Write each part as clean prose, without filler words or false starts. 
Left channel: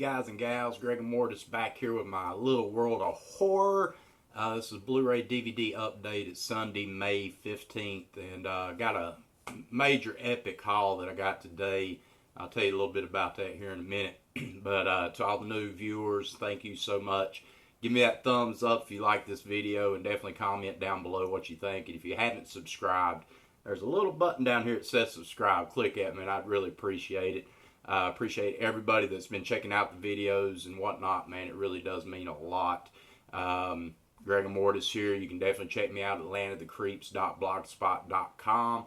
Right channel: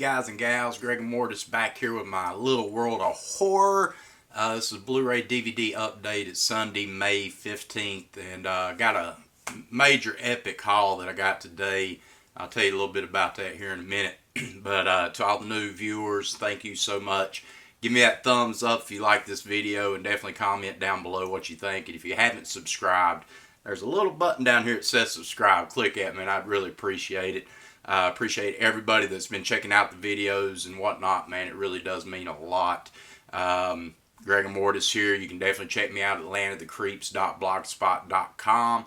guys and gals. Greg and Mortis back here with my little world of horror. This is Blu-ray DVD update. It's Sunday, May 15th, and got a major epic haul that I got today. I'll tell you a little bit about that here in a minute. But to all the new viewers, thank you so much. Give me that thumbs up if you like this video, and definitely comment down below what you think. And if you haven't subscribed, there's a little button down here that says subscribe. Click it, man. I'd really appreciate it. Appreciate everybody that's been checking out the videos and whatnot, man. It really does mean a lot. Greg and Mortis here. You can definitely check me out at landofthecreeps.blogspot.com.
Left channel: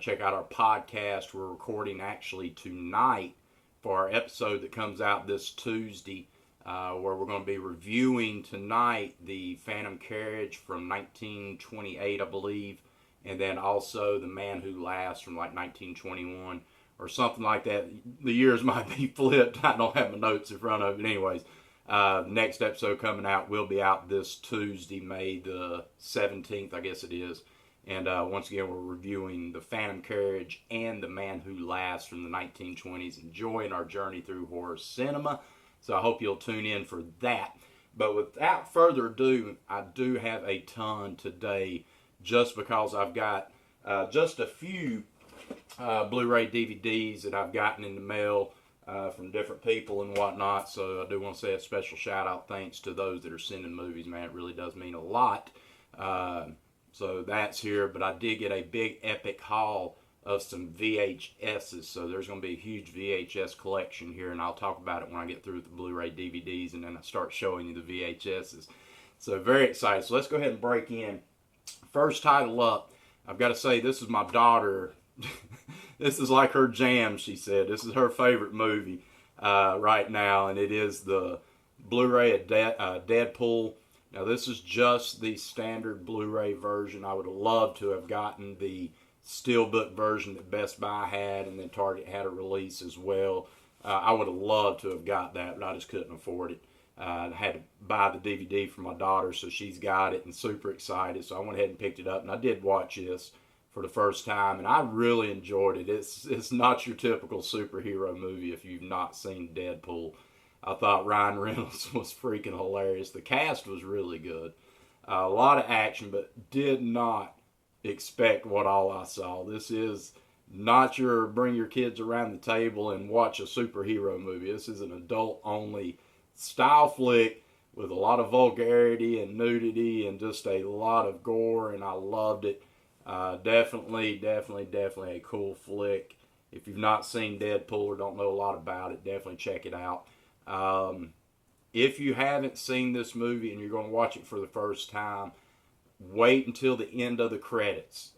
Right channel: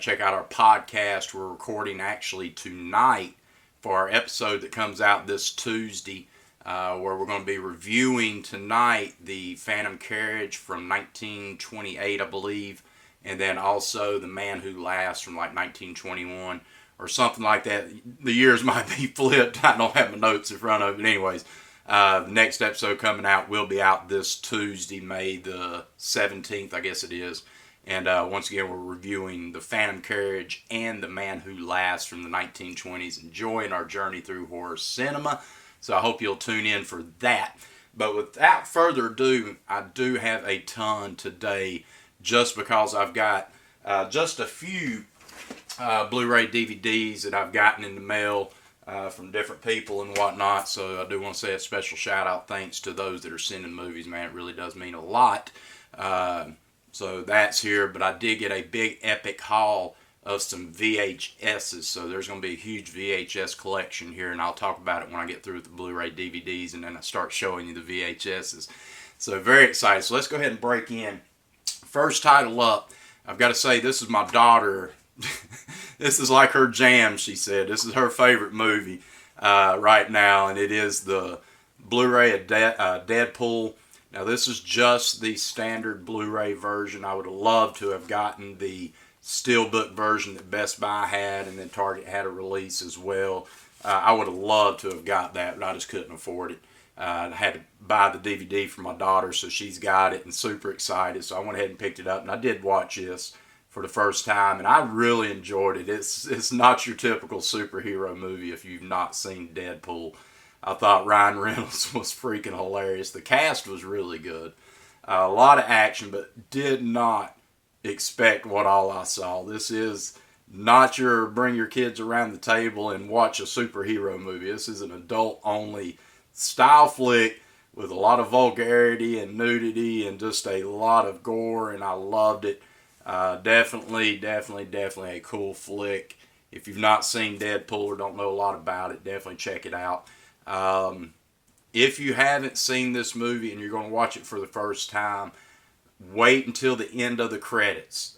Check out our podcast. We're recording actually tonight for our episode that comes out this Tuesday, where we're going to be reviewing tonight the Phantom Carriage from 1928, I believe, and then also The Man Who Laughs from like 1921 or something like that. The years might be flipped. I don't have my notes in front of it. But anyways, the next episode coming out will be out this Tuesday, May the 17th, I guess it is. And once again, we're reviewing The Phantom Carriage and The Man Who Laughs from the 1920s, enjoying our journey through horror cinema. So I hope you'll tune in for that. But without further ado, I do have a ton today, just because I've got just a few Blu-ray DVDs that I've gotten in the mail from different people and whatnot. So I do want to say a special shout out thanks to those that are sending movies, man. It really does mean a lot. So that's here, but I did get a big epic haul of some VHSs. So there's going to be a huge VHS collection here, and I'll talk about it when I get through with the Blu-ray DVDs and then I start showing you the VHSs. So very excited. So let's go ahead and break in. First title up, I've got to say, this is my daughter. This is like her jam, she said. This is her favorite movie right now, and it is the Blu-ray of Deadpool. Now, this is just the standard Blu-ray version. I would have loved to have gotten the Steelbook version that Best Buy had, and then Target had a release as well. I would have loved to have got that, but I just couldn't afford it. I had to buy the DVD for my daughter, so she's got it and super excited. So I went ahead and picked it up, and I did watch this for the first time, and I really enjoyed it. It's not your typical superhero movie if you've not seen Deadpool. I thought Ryan Reynolds was freaking hilarious. The cast was really good. A lot of action, but did not expect what all I saw. This is not your bring your kids around the table and watch a superhero movie. This is an adult-only style flick with a lot of vulgarity and nudity and just a lot of gore, and I loved it. Definitely a cool flick. If you've not seen Deadpool or don't know a lot about it, definitely check it out. If you haven't seen this movie and you're going to watch it for the first time, wait until the end of the credits.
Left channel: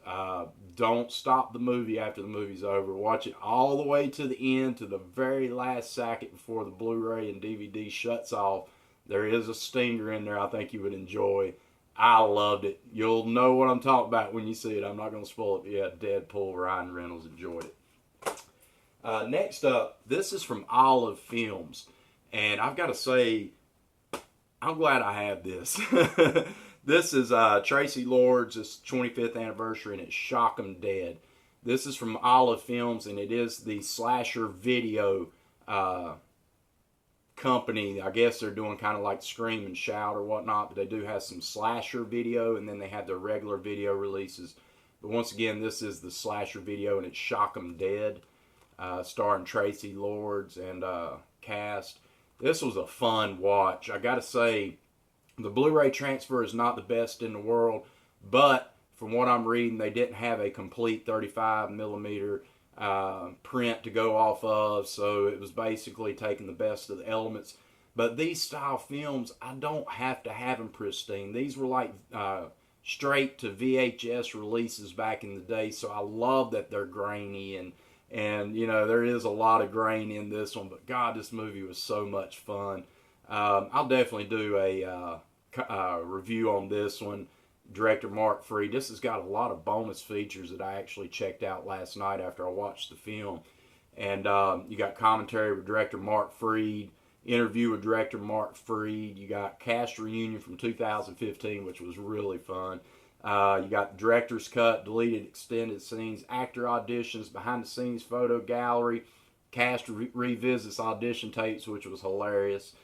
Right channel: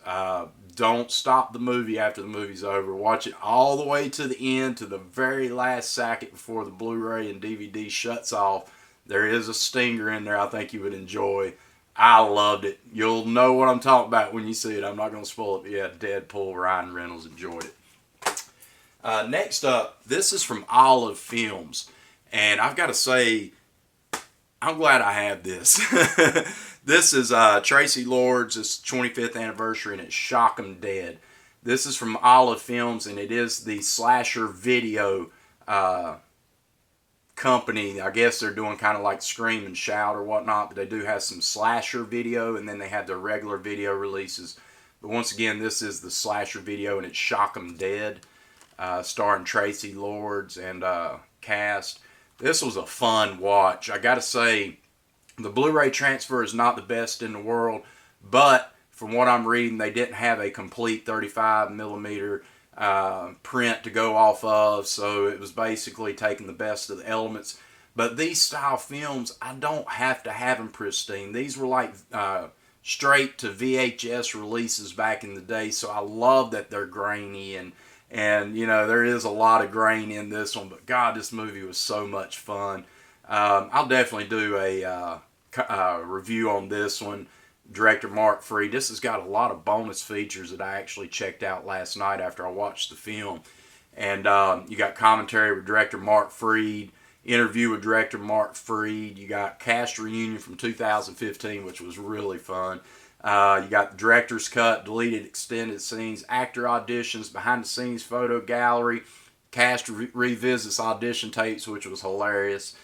Don't stop the movie after the movie's over. Watch it all the way to the end, to the very last second before the Blu-ray and DVD shuts off. There is a stinger in there I think you would enjoy. I loved it. You'll know what I'm talking about when you see it. I'm not going to spoil it, but yeah, Deadpool, Ryan Reynolds enjoyed it. Next up, this is from Olive Films. And I've got to say, I'm glad I have this. This is Tracy Lord's 25th anniversary, and it's Shock 'Em Dead. This is from Olive Films, and it is the slasher video company. I guess they're doing kind of like Scream and Shout or whatnot, but they do have some slasher video, and then they have their regular video releases. But once again, this is the slasher video, and it's Shock 'Em Dead, starring Tracy Lords and cast. This was a fun watch. I gotta say, the Blu-ray transfer is not the best in the world, but from what I'm reading, they didn't have a complete 35 millimeter print to go off of, so it was basically taking the best of the elements. But these style films, I don't have to have them pristine. These were like straight to VHS releases back in the day, so I love that they're grainy, and you know, there is a lot of grain in this one, but God, this movie was so much fun. I'll definitely do a review on this one. Director Mark Freed. This has got a lot of bonus features that I actually checked out last night after I watched the film. And you got commentary with director Mark Freed, interview with director Mark Freed. You got cast reunion from 2015, which was really fun. You got the director's cut, deleted extended scenes, actor auditions, behind the scenes photo gallery, Cast revisits audition tapes, which was hilarious.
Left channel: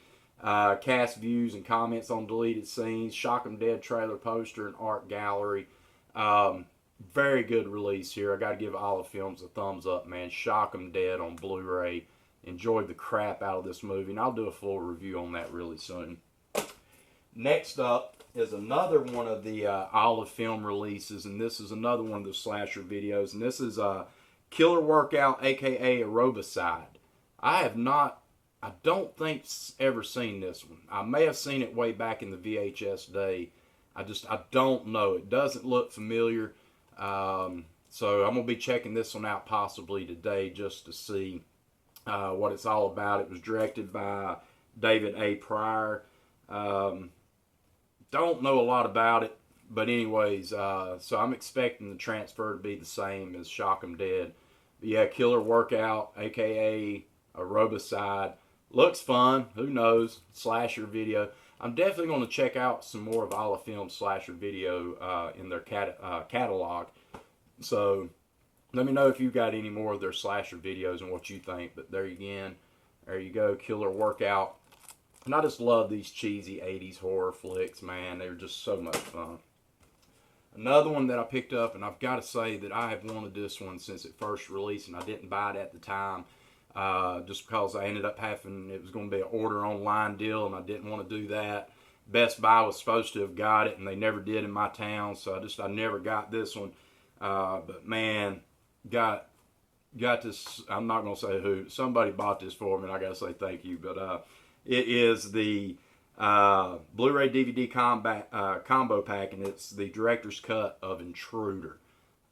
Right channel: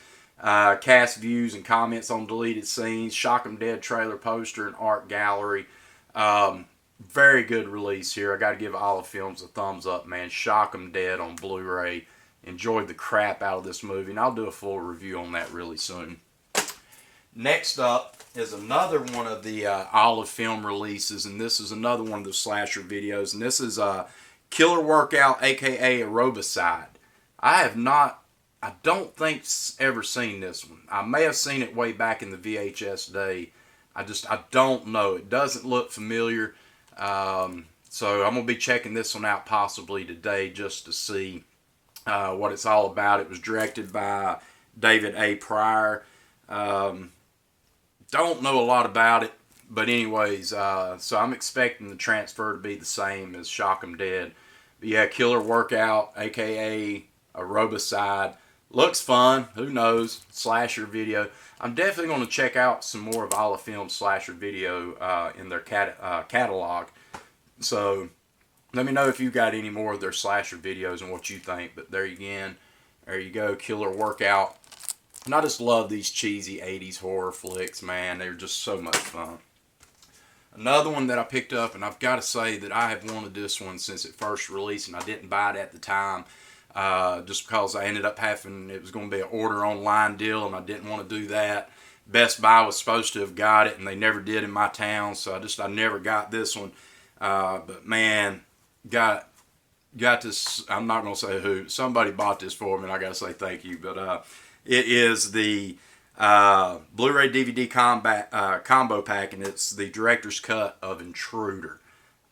Cast views and comments on deleted scenes. Shock 'em Dead trailer poster and art gallery. Very good release here. I got to give Olive Films a thumbs up, man. Shock 'em Dead on Blu-ray. Enjoyed the crap out of this movie, and I'll do a full review on that really soon. Next up is another one of the Olive Film releases, and this is another one of the slasher videos, and this is Killer Workout, aka Aerobicide. I don't think ever seen this one. I may have seen it way back in the VHS day. I don't know. It doesn't look familiar. So I'm going to be checking this one out possibly today just to see what it's all about. It was directed by David A. Pryor. Don't know a lot about it, but anyways, so I'm expecting the transfer to be the same as Shock 'em Dead. But yeah, Killer Workout, aka Aerobicide. Looks fun. Who knows? Slasher video. I'm definitely going to check out some more of Olive Film's slasher video in their catalog. So let me know if you got any more of their slasher videos and what you think. But there you go, Killer Workout. And I just love these cheesy 80s horror flicks, man. They're just so much fun. Another one that I picked up, and I've got to say that I have wanted this one since it first released, and I didn't buy it at the time. Just because I ended up having, it was going to be an order online deal, and I didn't want to do that. Best Buy was supposed to have got it, and they never did in my town, so I never got this one. But man, got this. I'm not going to say who. Somebody bought this for me, and I got to say thank you. But it is the Blu-ray DVD combo pack, and it's the director's cut of Intruder.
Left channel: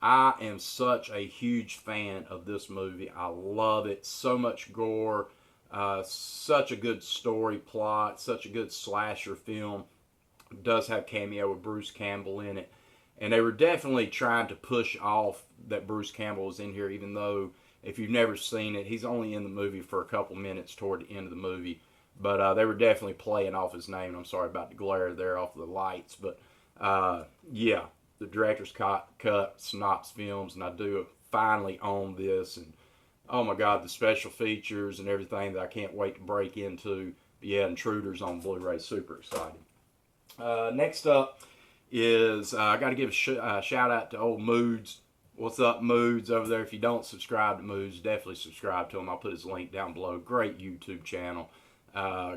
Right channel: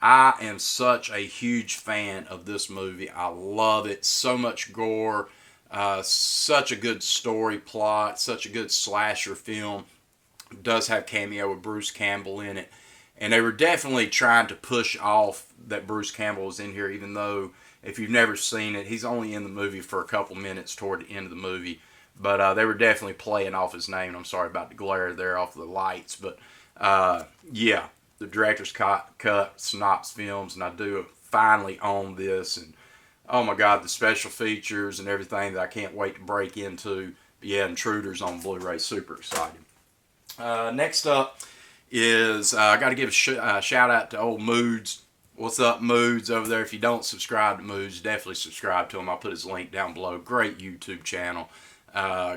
I am such a huge fan of this movie. I love it. So much gore, such a good story plot, such a good slasher film. It does have cameo with Bruce Campbell in it. And they were definitely trying to push off that Bruce Campbell was in here, even though if you've never seen it, he's only in the movie for a couple minutes toward the end of the movie. But they were definitely playing off his name. I'm sorry about the glare there off of the lights. But yeah, the director's cut, Synopsis Films, and I do finally own this. And oh my God, the special features and everything that I can't wait to break into. But yeah, Intruder's on Blu-ray. Super excited. Next up is I got to give a shout out to old Moods. What's up, Moods, over there? If you don't subscribe to Moods, definitely subscribe to him. I'll put his link down below. Great YouTube channel.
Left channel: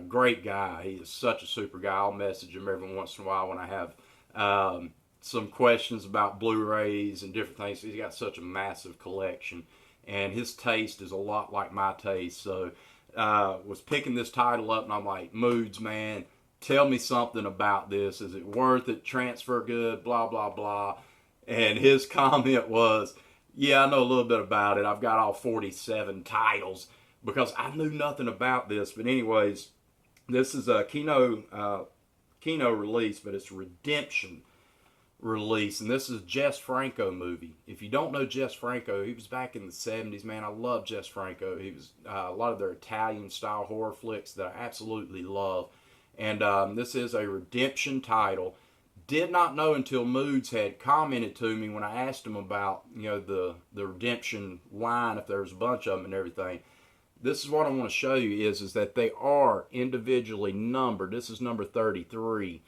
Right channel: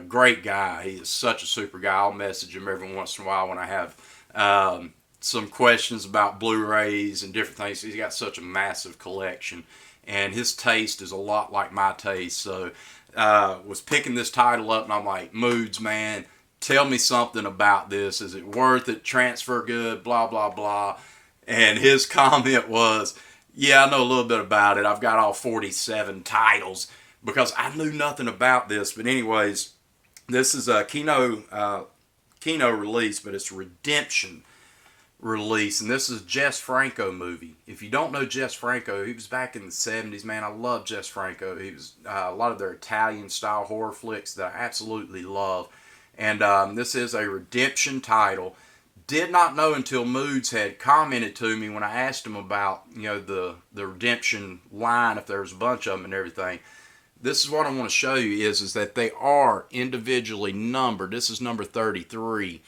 Great guy. He is such a super guy. I'll message him every once in a while when I have some questions about Blu-rays and different things. He's got such a massive collection, and his taste is a lot like my taste. So was picking this title up, and I'm like, Moods, man, tell me something about this. Is it worth it? Transfer good? Blah, blah, blah. And his comment was, yeah, I know a little bit about it. I've got all 47 titles, because I knew nothing about this. But anyways, this is a Kino release, but it's Redemption release. And this is a Jess Franco movie. If you don't know Jess Franco, he was back in the 70s, man. I love Jess Franco. He was a lot of their Italian-style horror flicks that I absolutely love. And this is a Redemption title. Did not know until Moods had commented to me when I asked him about, the Redemption line, if there was a bunch of them and everything. This is what I want to show you is that they are individually numbered. This is number 33.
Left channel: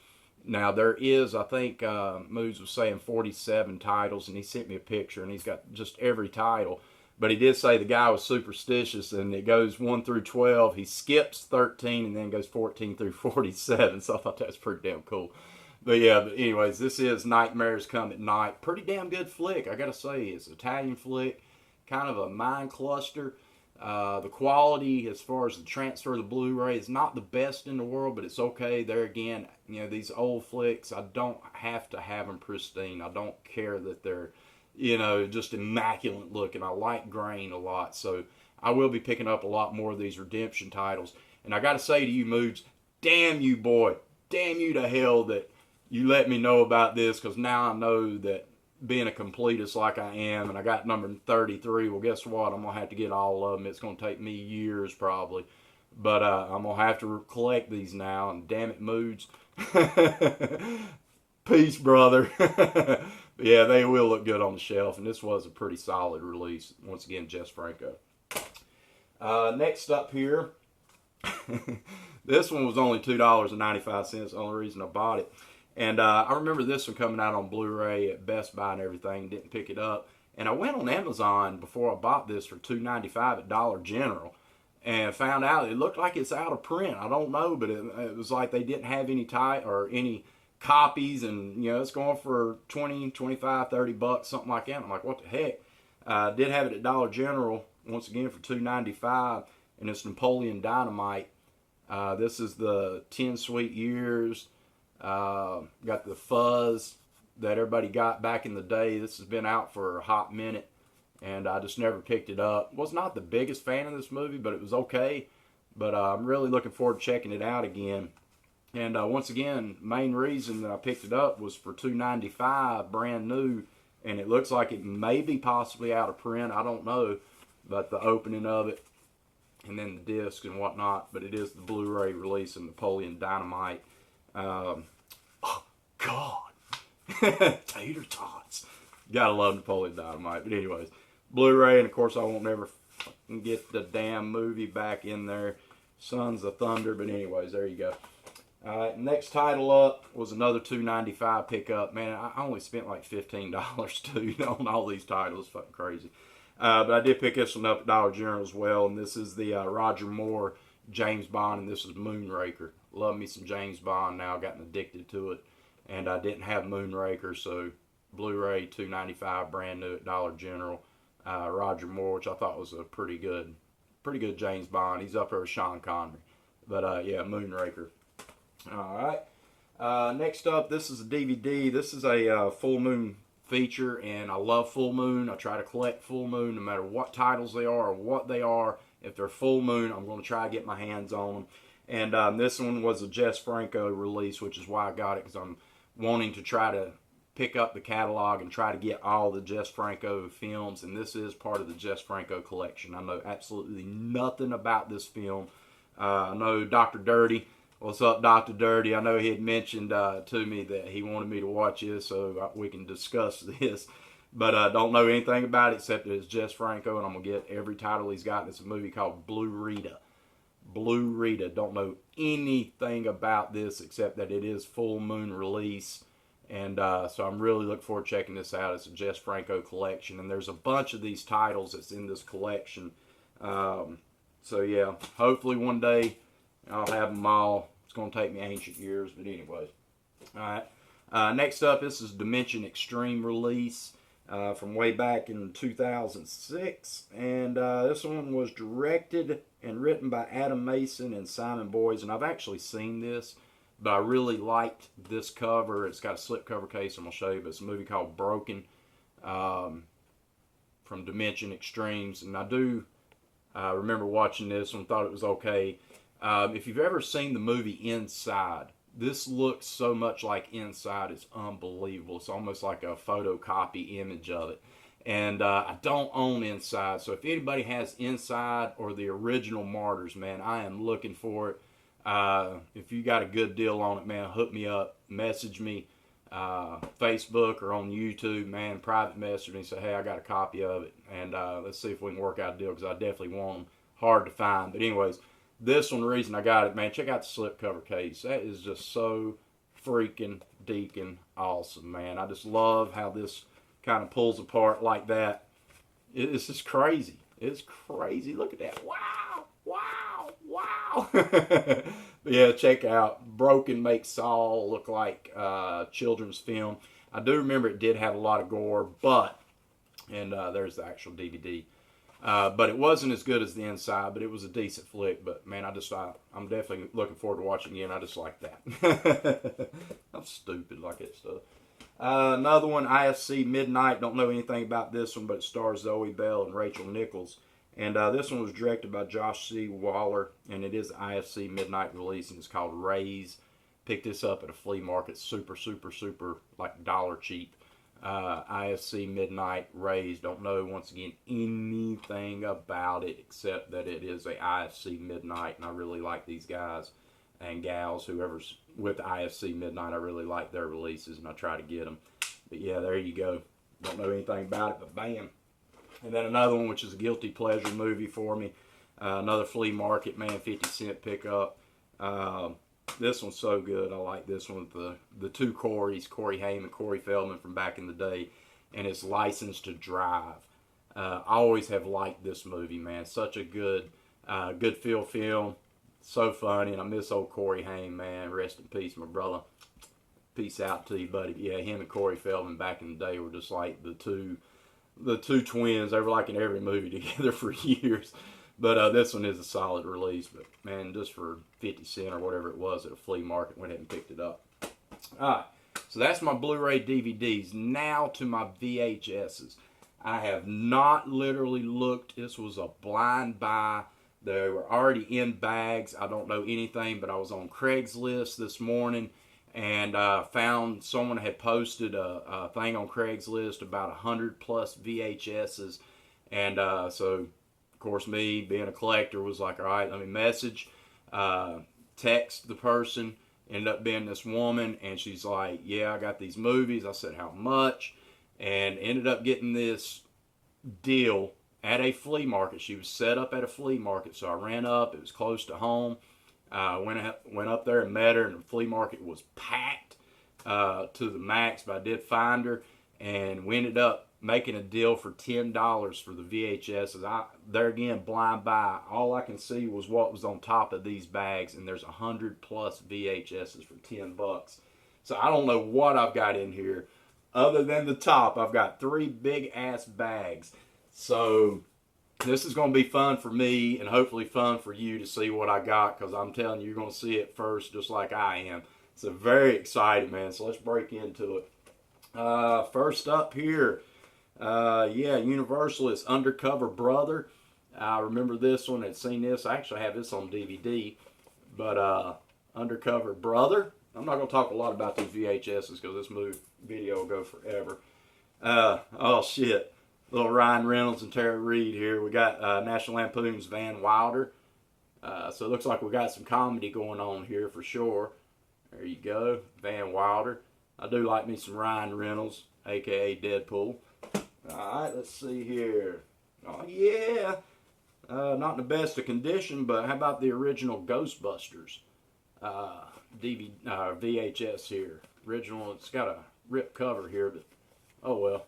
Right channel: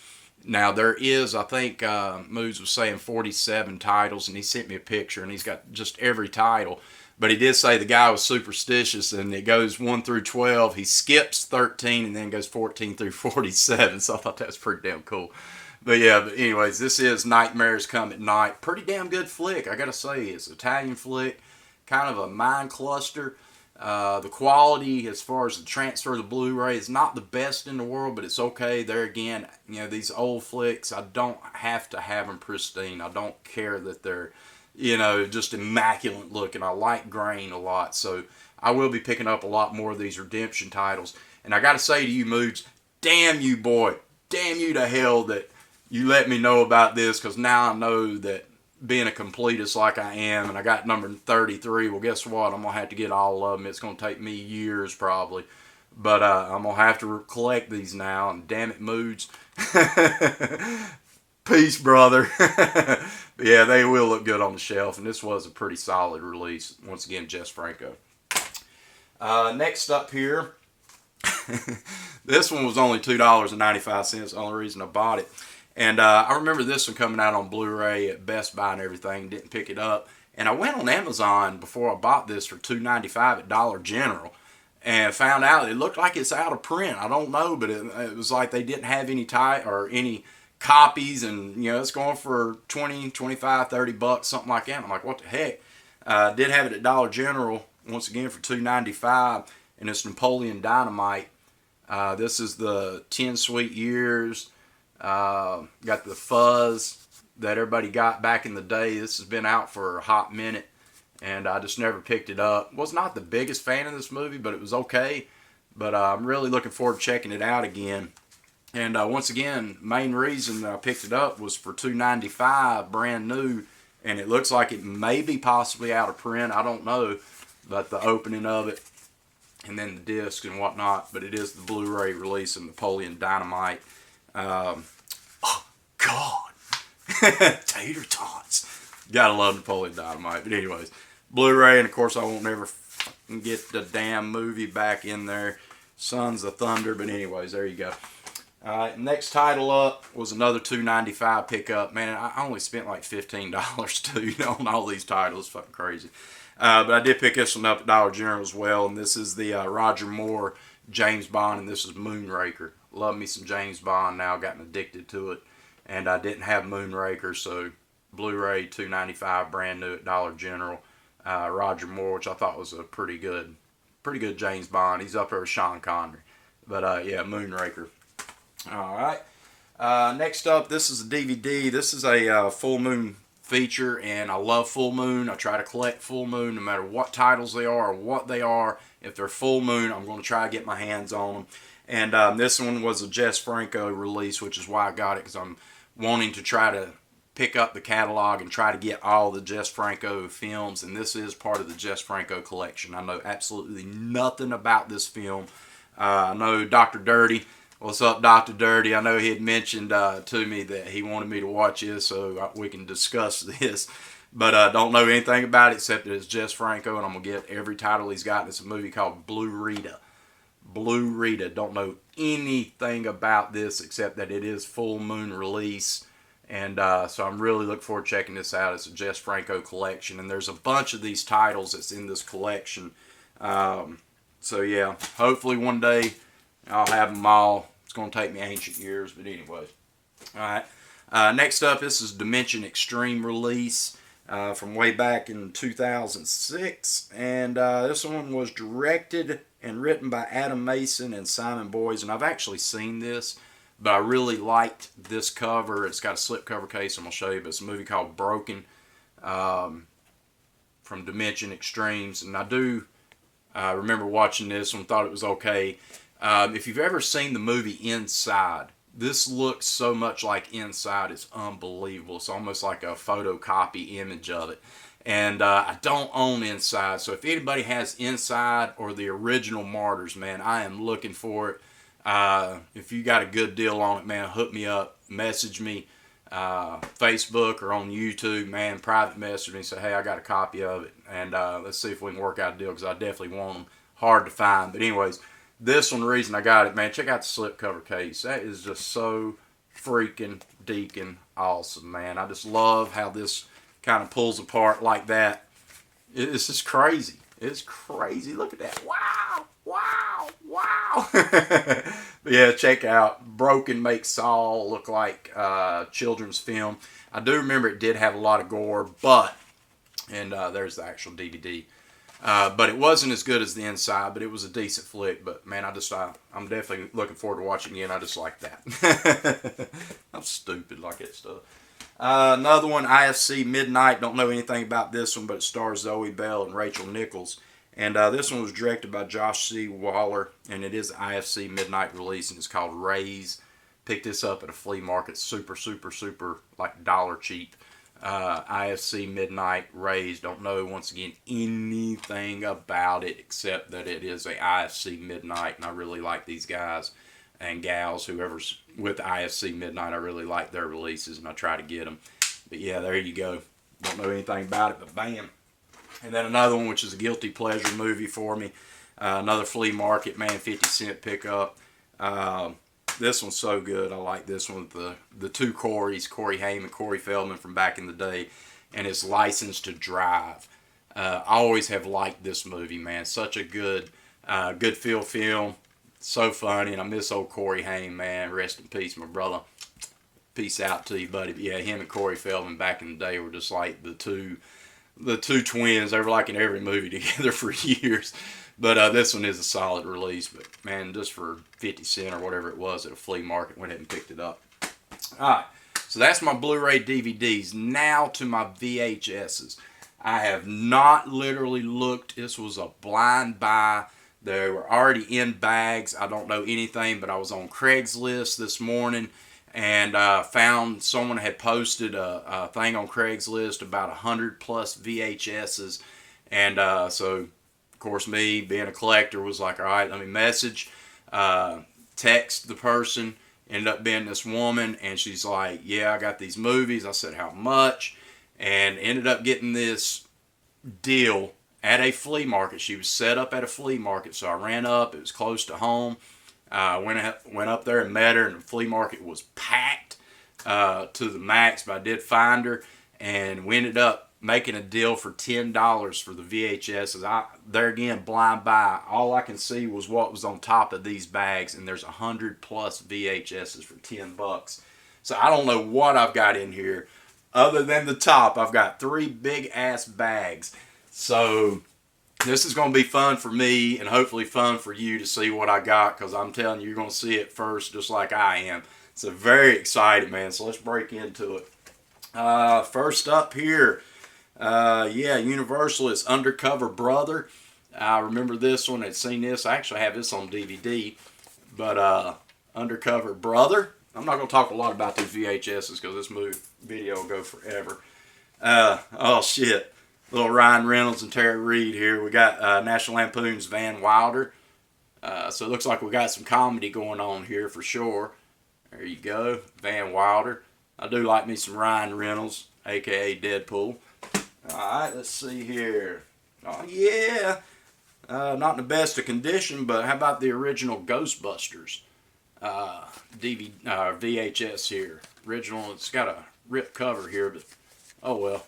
Now, there is, I think Moods was saying 47 titles, and he sent me a picture, and he's got just every title. But he did say the guy was superstitious, and it goes 1 through 12. He skips 13 and then goes 14 through 47. So I thought that was pretty damn cool. But yeah, but anyways, this is Nightmares Come at Night. Pretty damn good flick, I gotta say. It's an Italian flick, kind of a mind cluster. The quality as far as the transfer of the Blu-ray is not the best in the world, but it's okay. There again, these old flicks, I don't have to have them pristine. I don't care that they're, just immaculate looking. I like grain a lot, so I will be picking up a lot more of these Redemption titles. And I gotta say to you, Moods, damn you, boy. Damn you to hell that you let me know about this, because now I know that being a completist like I am, and I got number 33, well, guess what? I'm going to have to get all of them. It's going to take me years probably. But I'm going to have to collect these now, and damn it, Moods. Peace, brother. But yeah, they will look good on the shelf, and this was a pretty solid release. Once again, Jess Franco. Next up here, this one was only $2.95. The only reason I bought it. And I remember this one coming out on Blu-ray at Best Buy and everything. Didn't pick it up. And I went on Amazon before I bought this for $2.95 at Dollar General. And found out it looked like it's out of print. I don't know, but it was like they didn't have any any copies. And, you know, it's going for 20, 25, 30 bucks, something like that. I'm like, what the heck? Did have it at Dollar General, once again, for $2.95. And it's Napoleon Dynamite. This is the 10 Sweet Years. Got the fuzz that everybody got back in the day. This has been out for a hot minute, and I just never picked it up. Was not the biggest fan of this movie, but it was okay. But I'm really looking forward to checking it out again. And once again, main reason that I picked it up was for $2.95, brand new, and it looks like it may be possibly out of print. I don't know, but the opening of it, and then the disc and whatnot. But it is the Blu-ray release of Napoleon Dynamite. Oh God, tater tots! Gotta love Napoleon Dynamite. But anyways, Blu-ray, and of course I won't never get the damn movie back in there, Sons of Thunder. But anyways, there you go. All right, next title up was another $2.95 pickup. Man, I only spent like $15 too on all these titles. Fucking crazy. But I did pick this one up at Dollar General as well, and this is the Roger Moore James Bond, and this is Moonraker. Love me some James Bond now, gotten addicted to it, and I didn't have Moonraker, so Blu-ray $2.95, brand new at Dollar General. Roger Moore, which I thought was a pretty good James Bond. He's up there with Sean Connery, but yeah, Moonraker. All right. Next up, this is a DVD. This is a full moon feature, and I love full moon. I try to collect full moon no matter what titles they are or what they are. If they're full moon, I'm going to try to get my hands on them. And this one was a Jess Franco release, which is why I got it, because I'm wanting to try to pick up the catalog and try to get all the Jess Franco films. And this is part of the Jess Franco collection. I know absolutely nothing about this film. I know Dr. Dirty. What's up, Dr. Dirty? I know he had mentioned to me that he wanted me to watch this so we can discuss this. But I don't know anything about it except that it's Jess Franco, and I'm going to get every title he's got. It's a movie called BluRay. BluRay. Don't know anything about this except that it is full moon release. And so I'm really looking forward to checking this out. It's a Jess Franco collection, and there's a bunch of these titles that's in this collection. So yeah, hopefully one day I'll have them all. It's going to take me ancient years, but anyways. All right. Next up, this is Dimension Extreme release from way back in 2006. And this one was directed and written by Adam Mason and Simon Boyes. And I've actually seen this, but I really liked this cover. It's got a slipcover case I'm going to show you, but it's a movie called Broken from Dimension Extremes. And I do remember watching this one, thought it was okay. If you've ever seen the movie Inside, this looks so much like Inside. It's unbelievable. It's almost like a photocopy image of it. And I don't own Inside, so if anybody has Inside or the original Martyrs, man, I am looking for it. If you got a good deal on it, man, hook me up, message me, Facebook or on YouTube, man, private message me, say, hey, I got a copy of it, and let's see if we can work out a deal, because I definitely want them. Hard to find, but anyways, this one, the reason I got it, man, check out the slipcover case. That is just so freaking deacon awesome, man. I just love how this kind of pulls apart like that. It's just crazy. It's crazy. Look at that. Wow. Wow. Wow. But yeah, check out Broken makes Saul look like a children's film. I do remember it did have a lot of gore, but, and there's the actual DVD. But it wasn't as good as The Inside, but it was a decent flick. But man, I'm definitely looking forward to watching it again. I just like that. I'm stupid like that stuff. Another one, IFC Midnight. Don't know anything about this one, but it stars Zoe Bell and Rachel Nichols. And this one was directed by Josh C. Waller, and it is IFC Midnight release, and it's called Raise. Picked this up at a flea market, super, like dollar cheap. IFC Midnight Raise. Don't know, once again, anything about it except that it is a IFC Midnight, and I really like these guys and gals, whoever's with IFC Midnight. I really like their releases, and I try to get them. But yeah, there you go. Don't know anything about it, but bam. And then another one, which is a guilty pleasure movie for me. Another flea market, man, 50-cent pickup. This one's so good. I like this one with the two Corys, Corey Haim and Corey Feldman from back in the day, and it's License to Drive. I always have liked this movie, man. Such a good feel film. So funny, and I miss old Corey Haim, man. Rest in peace, my brother. Peace out to you, buddy. But yeah, him and Corey Feldman back in the day were just like the two twins. They were like in every movie together for years. But this one is a solid release. But man, just for 50 cents or whatever it was at a flea market, went ahead and picked it up. All right, so that's my Blu-ray DVDs. Now to my VHSs. I have not literally looked. This was a blind buy. They were already in bags. I don't know anything, but I was on Craigslist this morning and found someone had posted a thing on Craigslist about 100 plus VHSs. And so, of course, me being a collector was like, all right, let me message, text the person. Ended up being this woman, and she's like, yeah, I got these movies. I said, how much? And ended up getting this deal at a flea market. She was set up at a flea market, so I ran up. It was close to home. Went up there and met her, and the flea market was packed to the max, but I did find her, and we ended up making a deal for $10 for the VHSs. There again, blind buy. All I can see was what was on top of these bags, and there's 100 plus VHSs for $10. So I don't know what I've got in here. Other than the top, I've got 3 big ass bags. So this is going to be fun for me and hopefully fun for you to see what I got, because I'm telling you, you're going to see it first just like I am. So very excited, man. So let's break into it. First up here, yeah, Universal is Undercover Brother. I remember this one. I'd seen this. I actually have this on DVD. But Undercover Brother. I'm not going to talk a lot about these VHSs because this video will go forever. Oh, shit. Little Ryan Reynolds and Tara Reid here. We got National Lampoon's Van Wilder. So it looks like we got some comedy going on here for sure. There you go. Van Wilder. I do like me some Ryan Reynolds, a.k.a. Deadpool. Alright, let's see here. Oh, yeah. Not in the best of condition, but how about the original Ghostbusters VHS here? Original, it's got a ripped cover here, but oh well.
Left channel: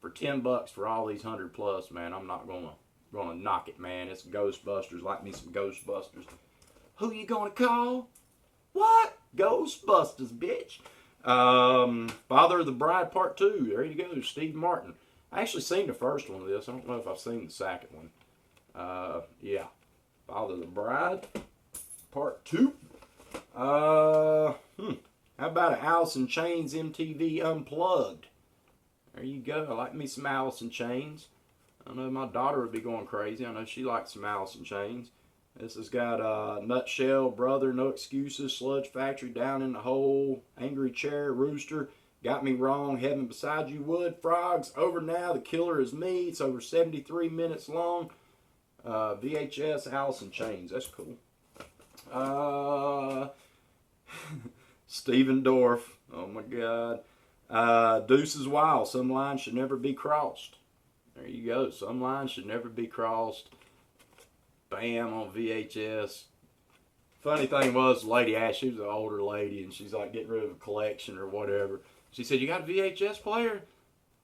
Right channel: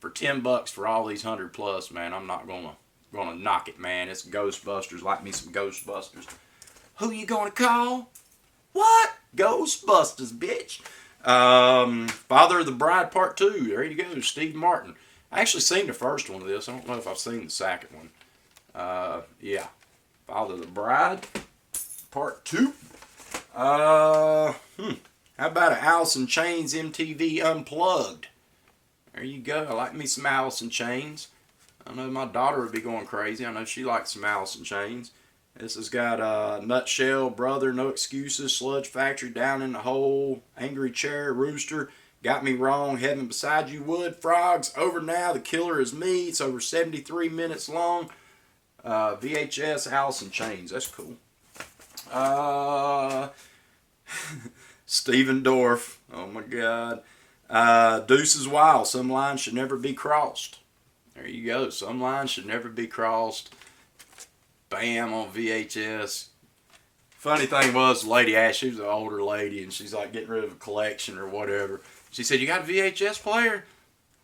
For $10 for all these 100 plus, man, I'm not gonna knock it, man. It's Ghostbusters. Like me some Ghostbusters. Who you gonna call? What? Ghostbusters, bitch. Father of the Bride Part 2. There you go, Steve Martin. I actually seen the first one of this. I don't know if I've seen the second one. Yeah. Father of the Bride Part 2. How about an Alice in Chains MTV Unplugged? There you go. I like me some Alice in Chains. I know my daughter would be going crazy. I know she likes some Alice in Chains. This has got Nutshell, Brother, No Excuses, Sludge Factory, Down in the Hole, Angry Chair, Rooster, Got Me Wrong, Heaven Beside You, Wood, Frogs, Over Now, The Killer Is Me. It's over 73 minutes long. VHS, Alice in Chains. That's cool. Steven Dorff. Oh my God. Deuces Wild. Some lines should never be crossed. There you go. Some lines should never be crossed. Bam, on VHS. Funny thing was, the lady asked, she was an older lady, and she's like getting rid of a collection or whatever. She said, you got a VHS player?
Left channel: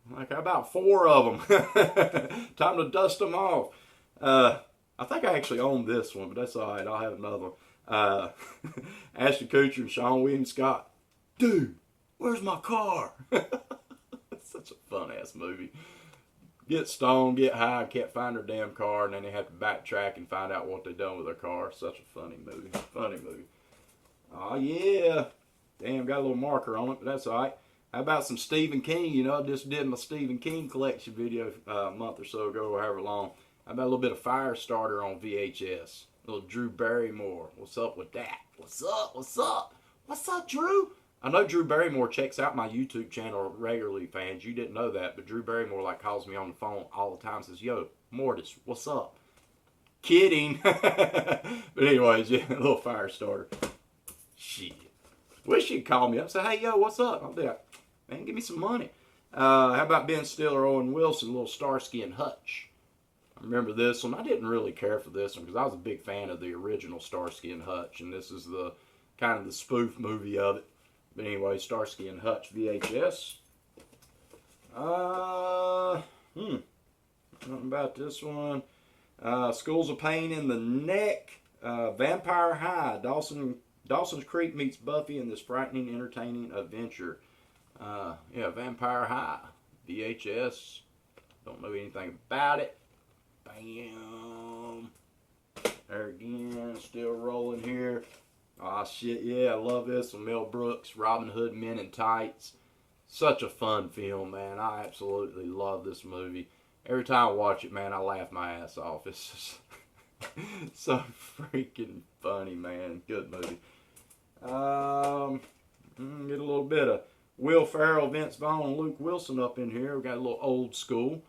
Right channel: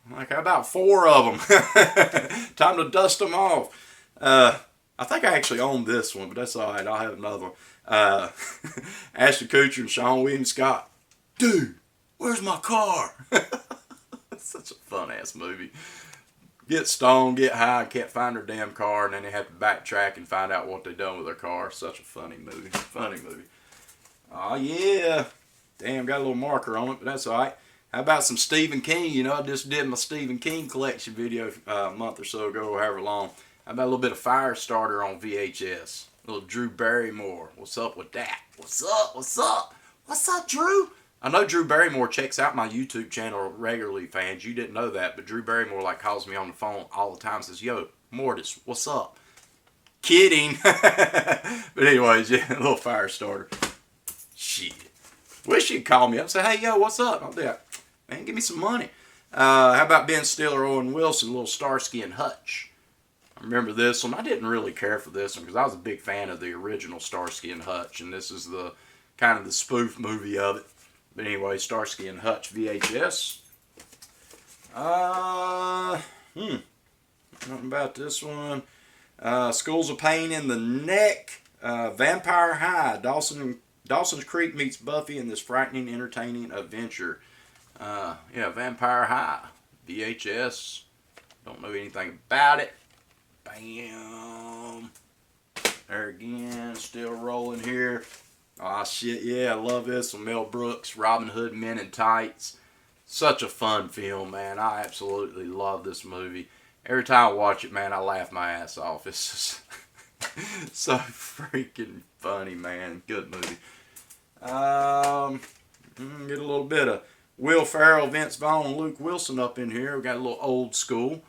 I'm like, how about 4 of them? Time to dust them off. I think I actually own this one, but that's all right. I'll have another one. Ashton Kutcher and Sean William Scott. Dude, where's my car? That's such a fun-ass movie. Get stoned, get high, can't find their damn car, and then they have to backtrack and find out what they done with their car. Such a funny movie. Funny movie. Oh, yeah. Damn, got a little marker on it, but that's all right. How about some Stephen King? You know, I just did my Stephen King collection video a month or so ago, or however long. How about a little bit of Firestarter on VHS? A little Drew Barrymore. What's up with that? What's up? What's up? What's up, Drew? I know Drew Barrymore checks out my YouTube channel regularly, fans. You didn't know that, but Drew Barrymore like calls me on the phone all the time and says, yo, Mortis, what's up? Kidding. But anyways, yeah, a little Firestarter. Shit. Wish she'd call me up and say, hey, yo, what's up? I'll be like, man, give me some money. How about Ben Stiller, Owen Wilson, a little Starsky and Hutch? remember this one. I didn't really care for this one because I was a big fan of the original Starsky and Hutch, and this is the kind of the spoof movie of it. But anyway, Starsky and Hutch VHS. Nothing about this one. Schools of Pain in the Neck. Vampire High. Dawson's Creek meets Buffy in this frightening, entertaining adventure. Yeah, Vampire High. VHS. Don't know anything about it. Bam. There again, still rolling here. Ah, shit, yeah, I love this one. Mel Brooks, Robin Hood Men in Tights. Such a fun film, man. I absolutely love this movie. Every time I watch it, man, I laugh my ass off. It's just so freaking funny, man. Good movie. Get a little bit of Will Ferrell, Vince Vaughn, and Luke Wilson up in here. We got a little old school.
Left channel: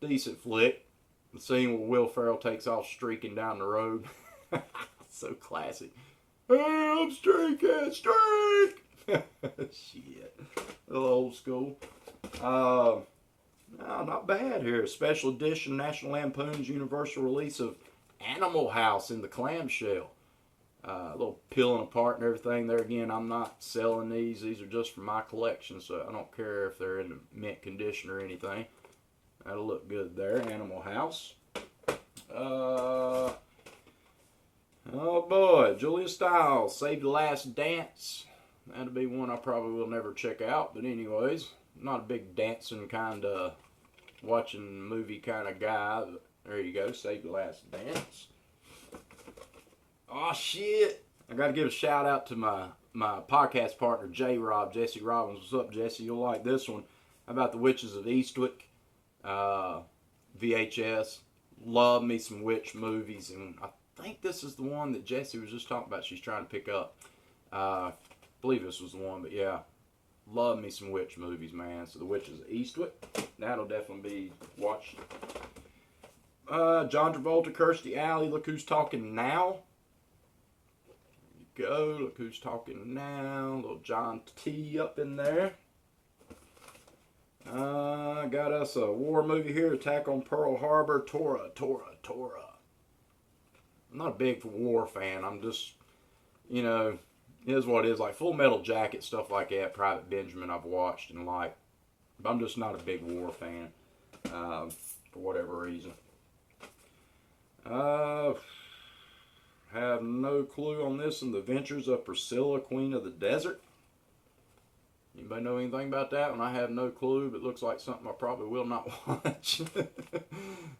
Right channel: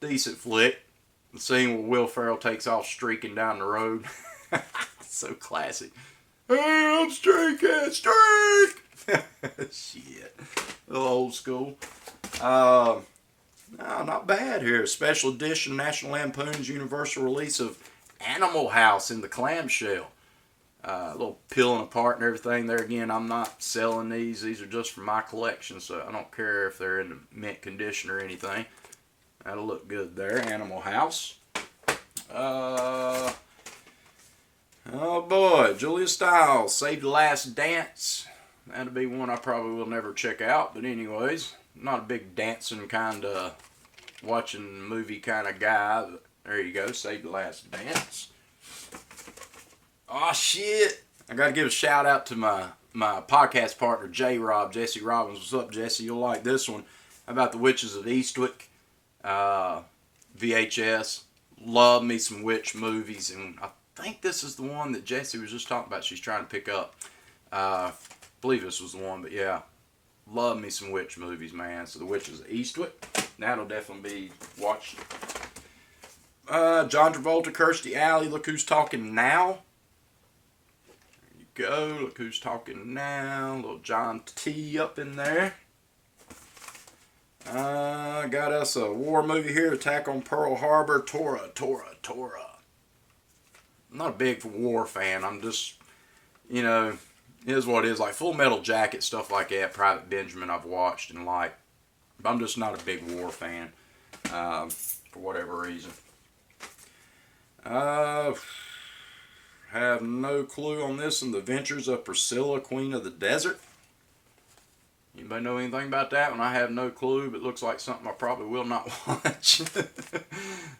Decent flick. The scene where Will Ferrell takes off streaking down the road. So classic. Hey, I'm streaking, streak! Shit. A little old school. No, not bad here. Special edition National Lampoon's Universal release of Animal House in the clamshell. A little peeling apart and everything. There again, I'm not selling these. These are just for my collection, so I don't care if they're in mint condition or anything. That'll look good there. Animal House. Oh boy, Julia Stiles, Save the Last Dance. That'll be one I probably will never check out. But anyways, not a big dancing kind of, watching movie kind of guy. But there you go, Save the Last Dance. Oh shit! I gotta give a shout out to my podcast partner, J-Rob, Jesse Robbins. What's up, Jesse? You'll like this one. About the Witches of Eastwick. VHS. Love me some witch movies, and I think this is the one that Jessie was just talking about. She's trying to pick up. I believe this was the one, but yeah, love me some witch movies, man. So the Witches of Eastwick, that'll definitely be watched. John Travolta, Kirstie Alley, Look Who's Talking Now. There you go, Look Who's Talking Now. Little John T up in there. Got us a war movie here, Attack on Pearl Harbor, Tora. I'm not a big war fan. I'm just, you know, it is what it is. Like Full Metal Jacket, stuff like that, Private Benjamin I've watched and liked. But I'm just not a big war fan, for whatever reason. Have no clue on this one. The Adventures of Priscilla, Queen of the Desert. Anybody know anything about that one? I have no clue, but it looks like something I probably will not watch.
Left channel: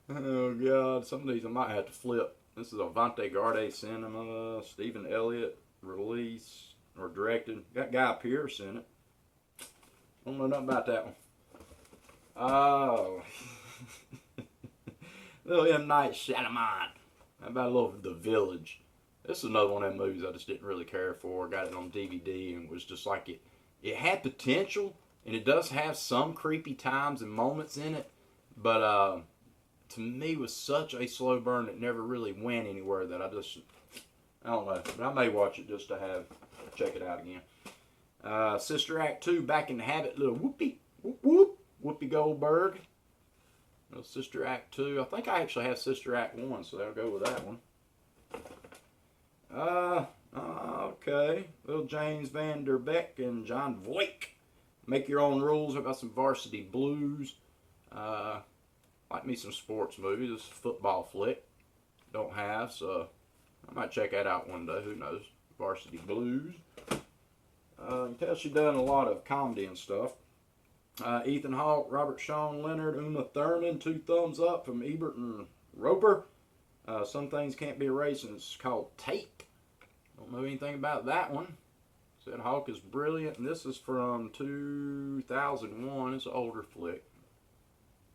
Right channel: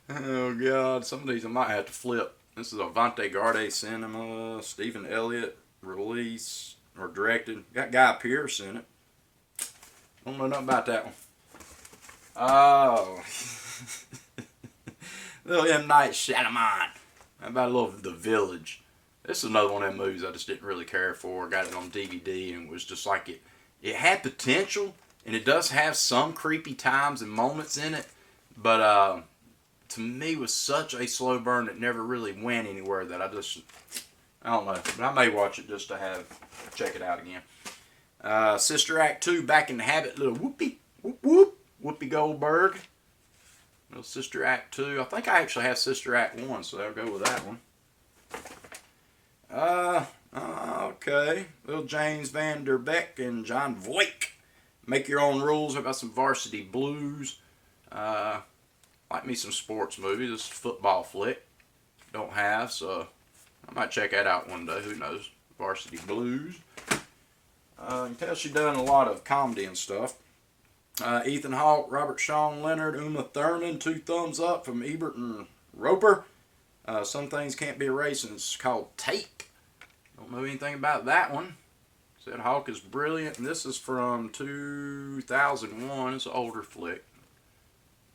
Oh, God. Some of these I might have to flip. This is Avante Garde Cinema, Stephen Elliott, release, or directed. Got Guy Pearce in it. Don't know nothing about that one. Oh. Little M. Night Shyamalan. How about a little The Village? This is another one of them movies I just didn't really care for. Got it on DVD and was just like it. It had potential, and it does have some creepy times and moments in it, but to me was such a slow burn that never really went anywhere that I don't know. But I may watch it just to check it out again. Sister Act 2, Back in the Habit, little Whoopi Goldberg. Little Sister Act 2. I think I actually have Sister Act 1, so I'll go with that one. Okay. Little James Van Der Beek and John Voight. Make Your Own Rules. How about some Varsity Blues? Like me some sports movies. This is a football flick. Don't have, so I might check that out one day. Who knows? Varsity Blues. You can tell she's done a lot of comedy and stuff. Ethan Hawke, Robert Sean Leonard, Uma Thurman. 2 thumbs up from Ebert and Roper. Some Things Can't Be Erased, and it's called Tape. Don't know anything about that one. Said Hawke is brilliant, and this is from 2001. It's an older flick.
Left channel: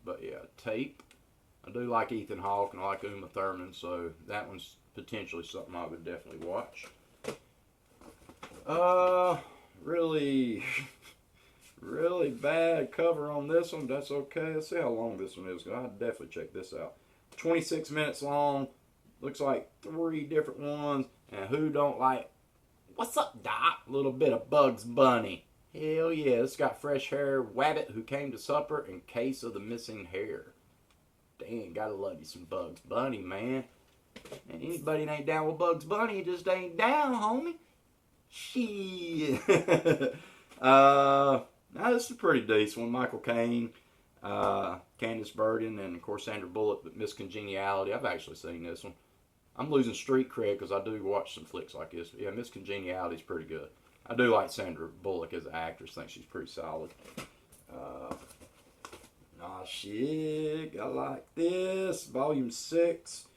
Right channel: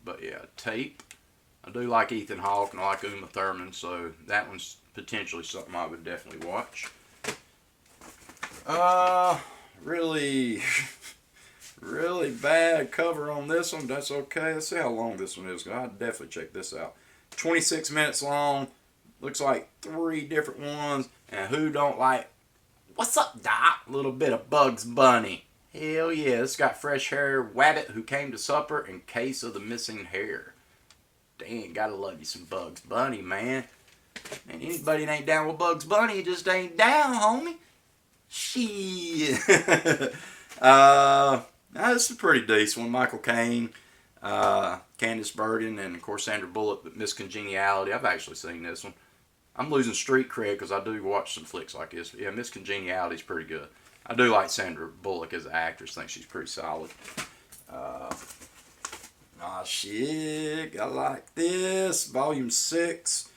But yeah, Tape. I do like Ethan Hawke, and I like Uma Thurman, so that one's potentially something I would definitely watch. Really bad cover on this one. That's okay. Let's see how long this one is. I'll definitely check this out. 26 minutes long. Looks like 3 different ones. And who don't like, what's up, Doc? A little bit of Bugs Bunny. Hell yeah. It's got Fresh Hair Wabbit, Who Came to Supper, and Case of the Missing Hair. Dang, gotta love you some Bugs Bunny, man. And anybody that ain't down with Bugs Bunny just ain't down, homie. Shit. This is a pretty decent one. Michael Caine, Candice Bergen, and of course Sandra Bullock, but Miss Congeniality. I've actually seen this one. I'm losing street cred because I do watch some flicks like this. Yeah, Miss Congeniality is pretty good. I do like Sandra Bullock as an actress. I think she's pretty solid. Shit. I like this. Volume 6.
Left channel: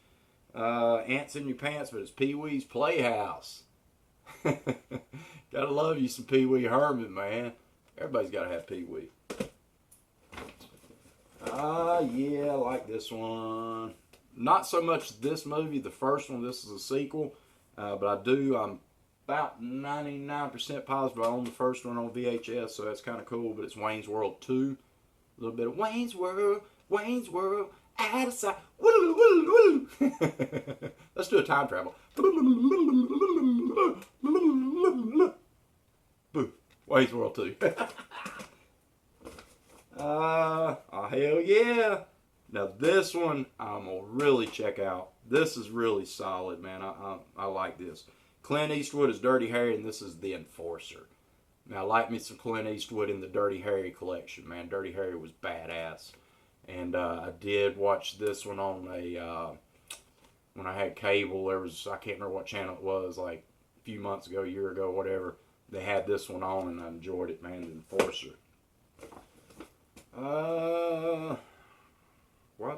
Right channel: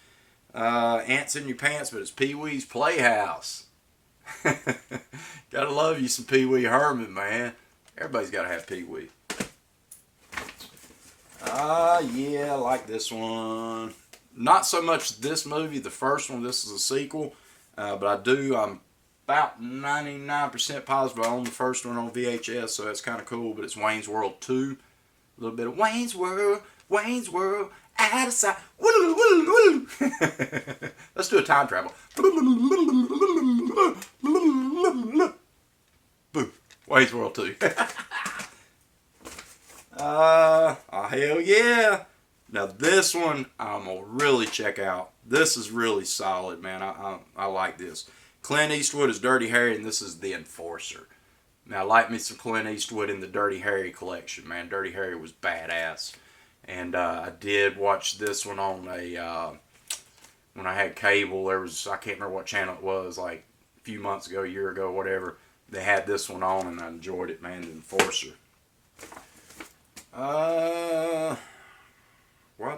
Ants in Your Pants, but it's Pee-wee's Playhouse. Gotta love you some Pee-wee Herman, man. Everybody's gotta have Pee-wee. Yeah, I like this one. Not so much this movie, the first one. This is a sequel. But I'm about 99% positive I own the first one on VHS, so that's kind of cool. But it's Wayne's World 2. A little bit of Wayne's World, out of sight. Let's do a time travel. Boom. Wayne's World 2. Hell yeah. Now this one I'm going to really check out. This is really solid, man. I like this. Clint Eastwood is Dirty Harry, and this is The Enforcer. Now, I like me some Clint Eastwood in the Dirty Harry collection, man. Dirty Harry was badass. And I did watch this one on when I had cable. I can't remember what channel it was, like a few months ago, a year ago, whatever. They had this one on, and I enjoyed it, man. The Enforcer. Why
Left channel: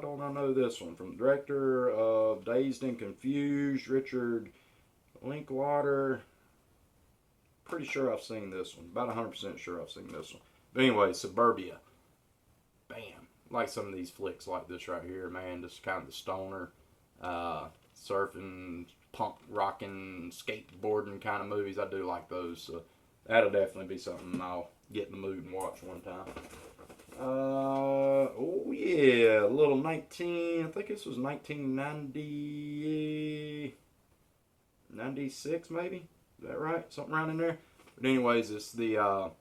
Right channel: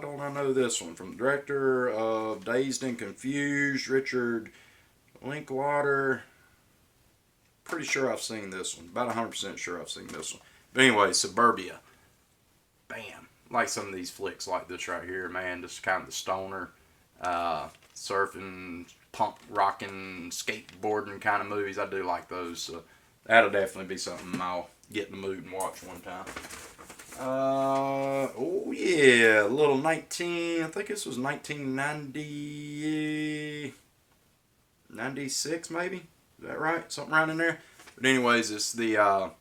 don't I know this one? From the director of Dazed and Confused, Richard Linklater. Pretty sure I've seen this one. About 100% sure I've seen this one. But anyway, Suburbia. Bam. Like some of these flicks like this right here, man. Just kind of the stoner, surfing, punk rocking, skateboarding kind of movies. I do like those. So that'll definitely be something I'll get in the mood and watch one time. Oh yeah, a little I think this was 1996 maybe? Is that right? Something around in there? But anyways, it's the,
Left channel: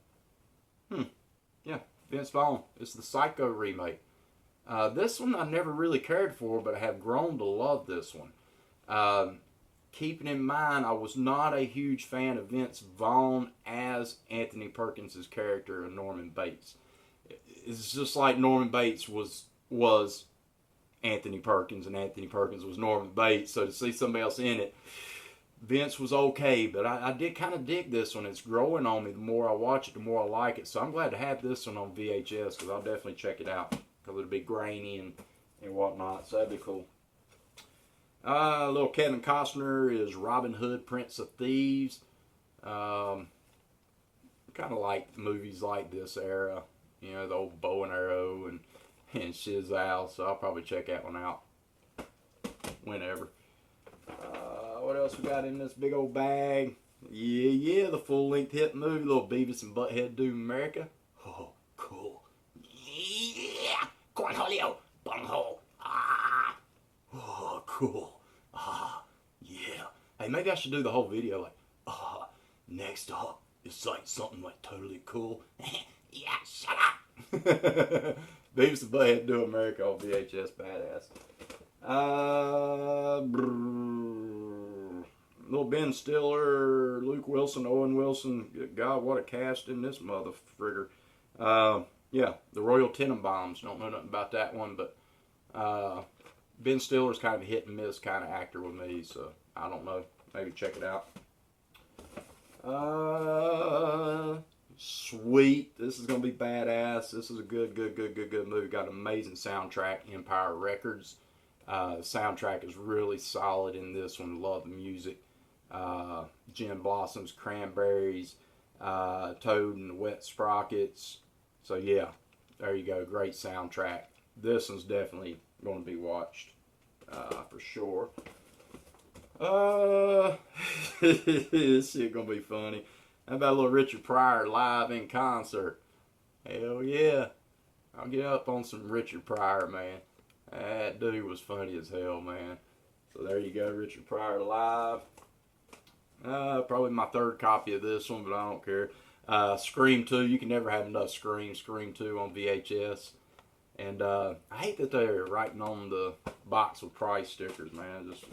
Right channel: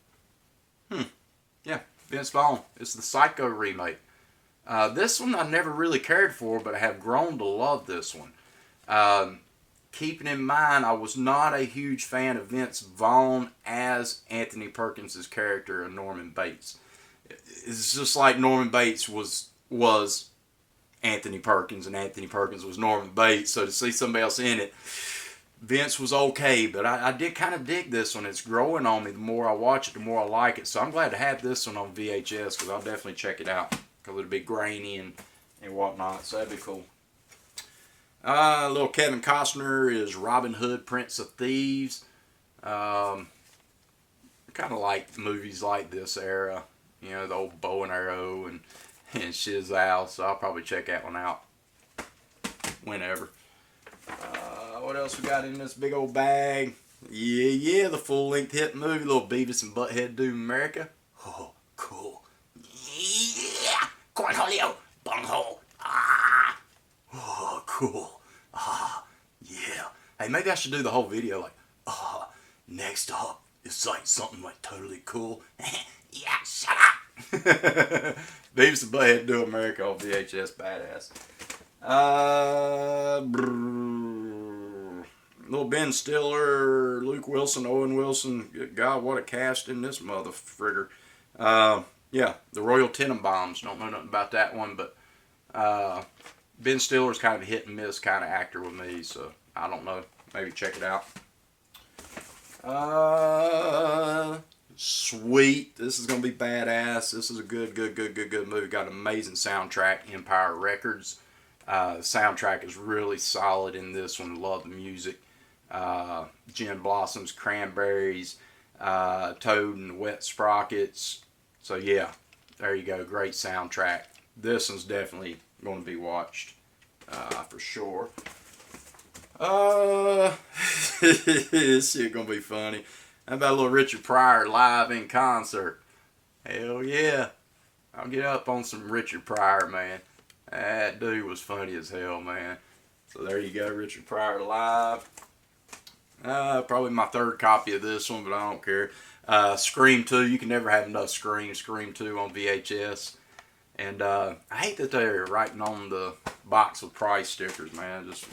Vince Vaughn. It's the Psycho remake. This one I never really cared for, but I have grown to love this one. Keeping in mind, I was not a huge fan of Vince Vaughn as Anthony Perkins' character of Norman Bates. It's just like Norman Bates was Anthony Perkins, and Anthony Perkins was Norman Bates. So to see somebody else in it, Vince was okay, but I did kind of dig this one. It's growing on me. The more I watch it, the more I like it. So I'm glad to have this one on VHS because I'll definitely check it out because it'll be grainy and whatnot. So that'd be cool. Little Kevin Costner is Robin Hood, Prince of Thieves. Kind of like movies like this era. You know, the old bow and arrow and Shizal. So I'll probably check that one out whenever. What else we got in this big old bag? Yeah, the full-length hit movie, little Beavis and Butthead Do America. Oh, cool. Yeah, cornholio, bunghole. Oh, cool. Yeah. Hey, maybe I should do the whole video like, next up, it's like something like totally cool. Yeah, shut up. Beavis and Butthead Do America on VHS, badass. Little Ben Stiller, Luke Wilson, Owen Wilson. Good God, what a cast in this mother frigger. Yeah, the Royal Tenenbaums. Don't know nothing about that one, but Ben Stiller's kind of a hit and miss kind of actor with me, so I don't know. Maybe check it out. Sweet. This is going to be badass. This is a good movie. Got an amazing soundtrack, Empire Records. Soundtrack is really solid in this one. Love the music. Gin Blossoms, Cranberries, Toad and the Wet Sprockets. So yeah, there you go. Great soundtrack. This one's definitely going to be watched for sure. This shit gonna be funny. How about a little Richard Pryor live in concert? Hell yeah. I'll get up on some Richard Pryor, man. That dude was funny as hell, man. So there you go, Richard Pryor live. Probably my third copy of this one, but I don't care. Scream 2. You can never have enough Scream. Scream 2 on VHS. And I hate that they're writing on the box with price stickers, man. Just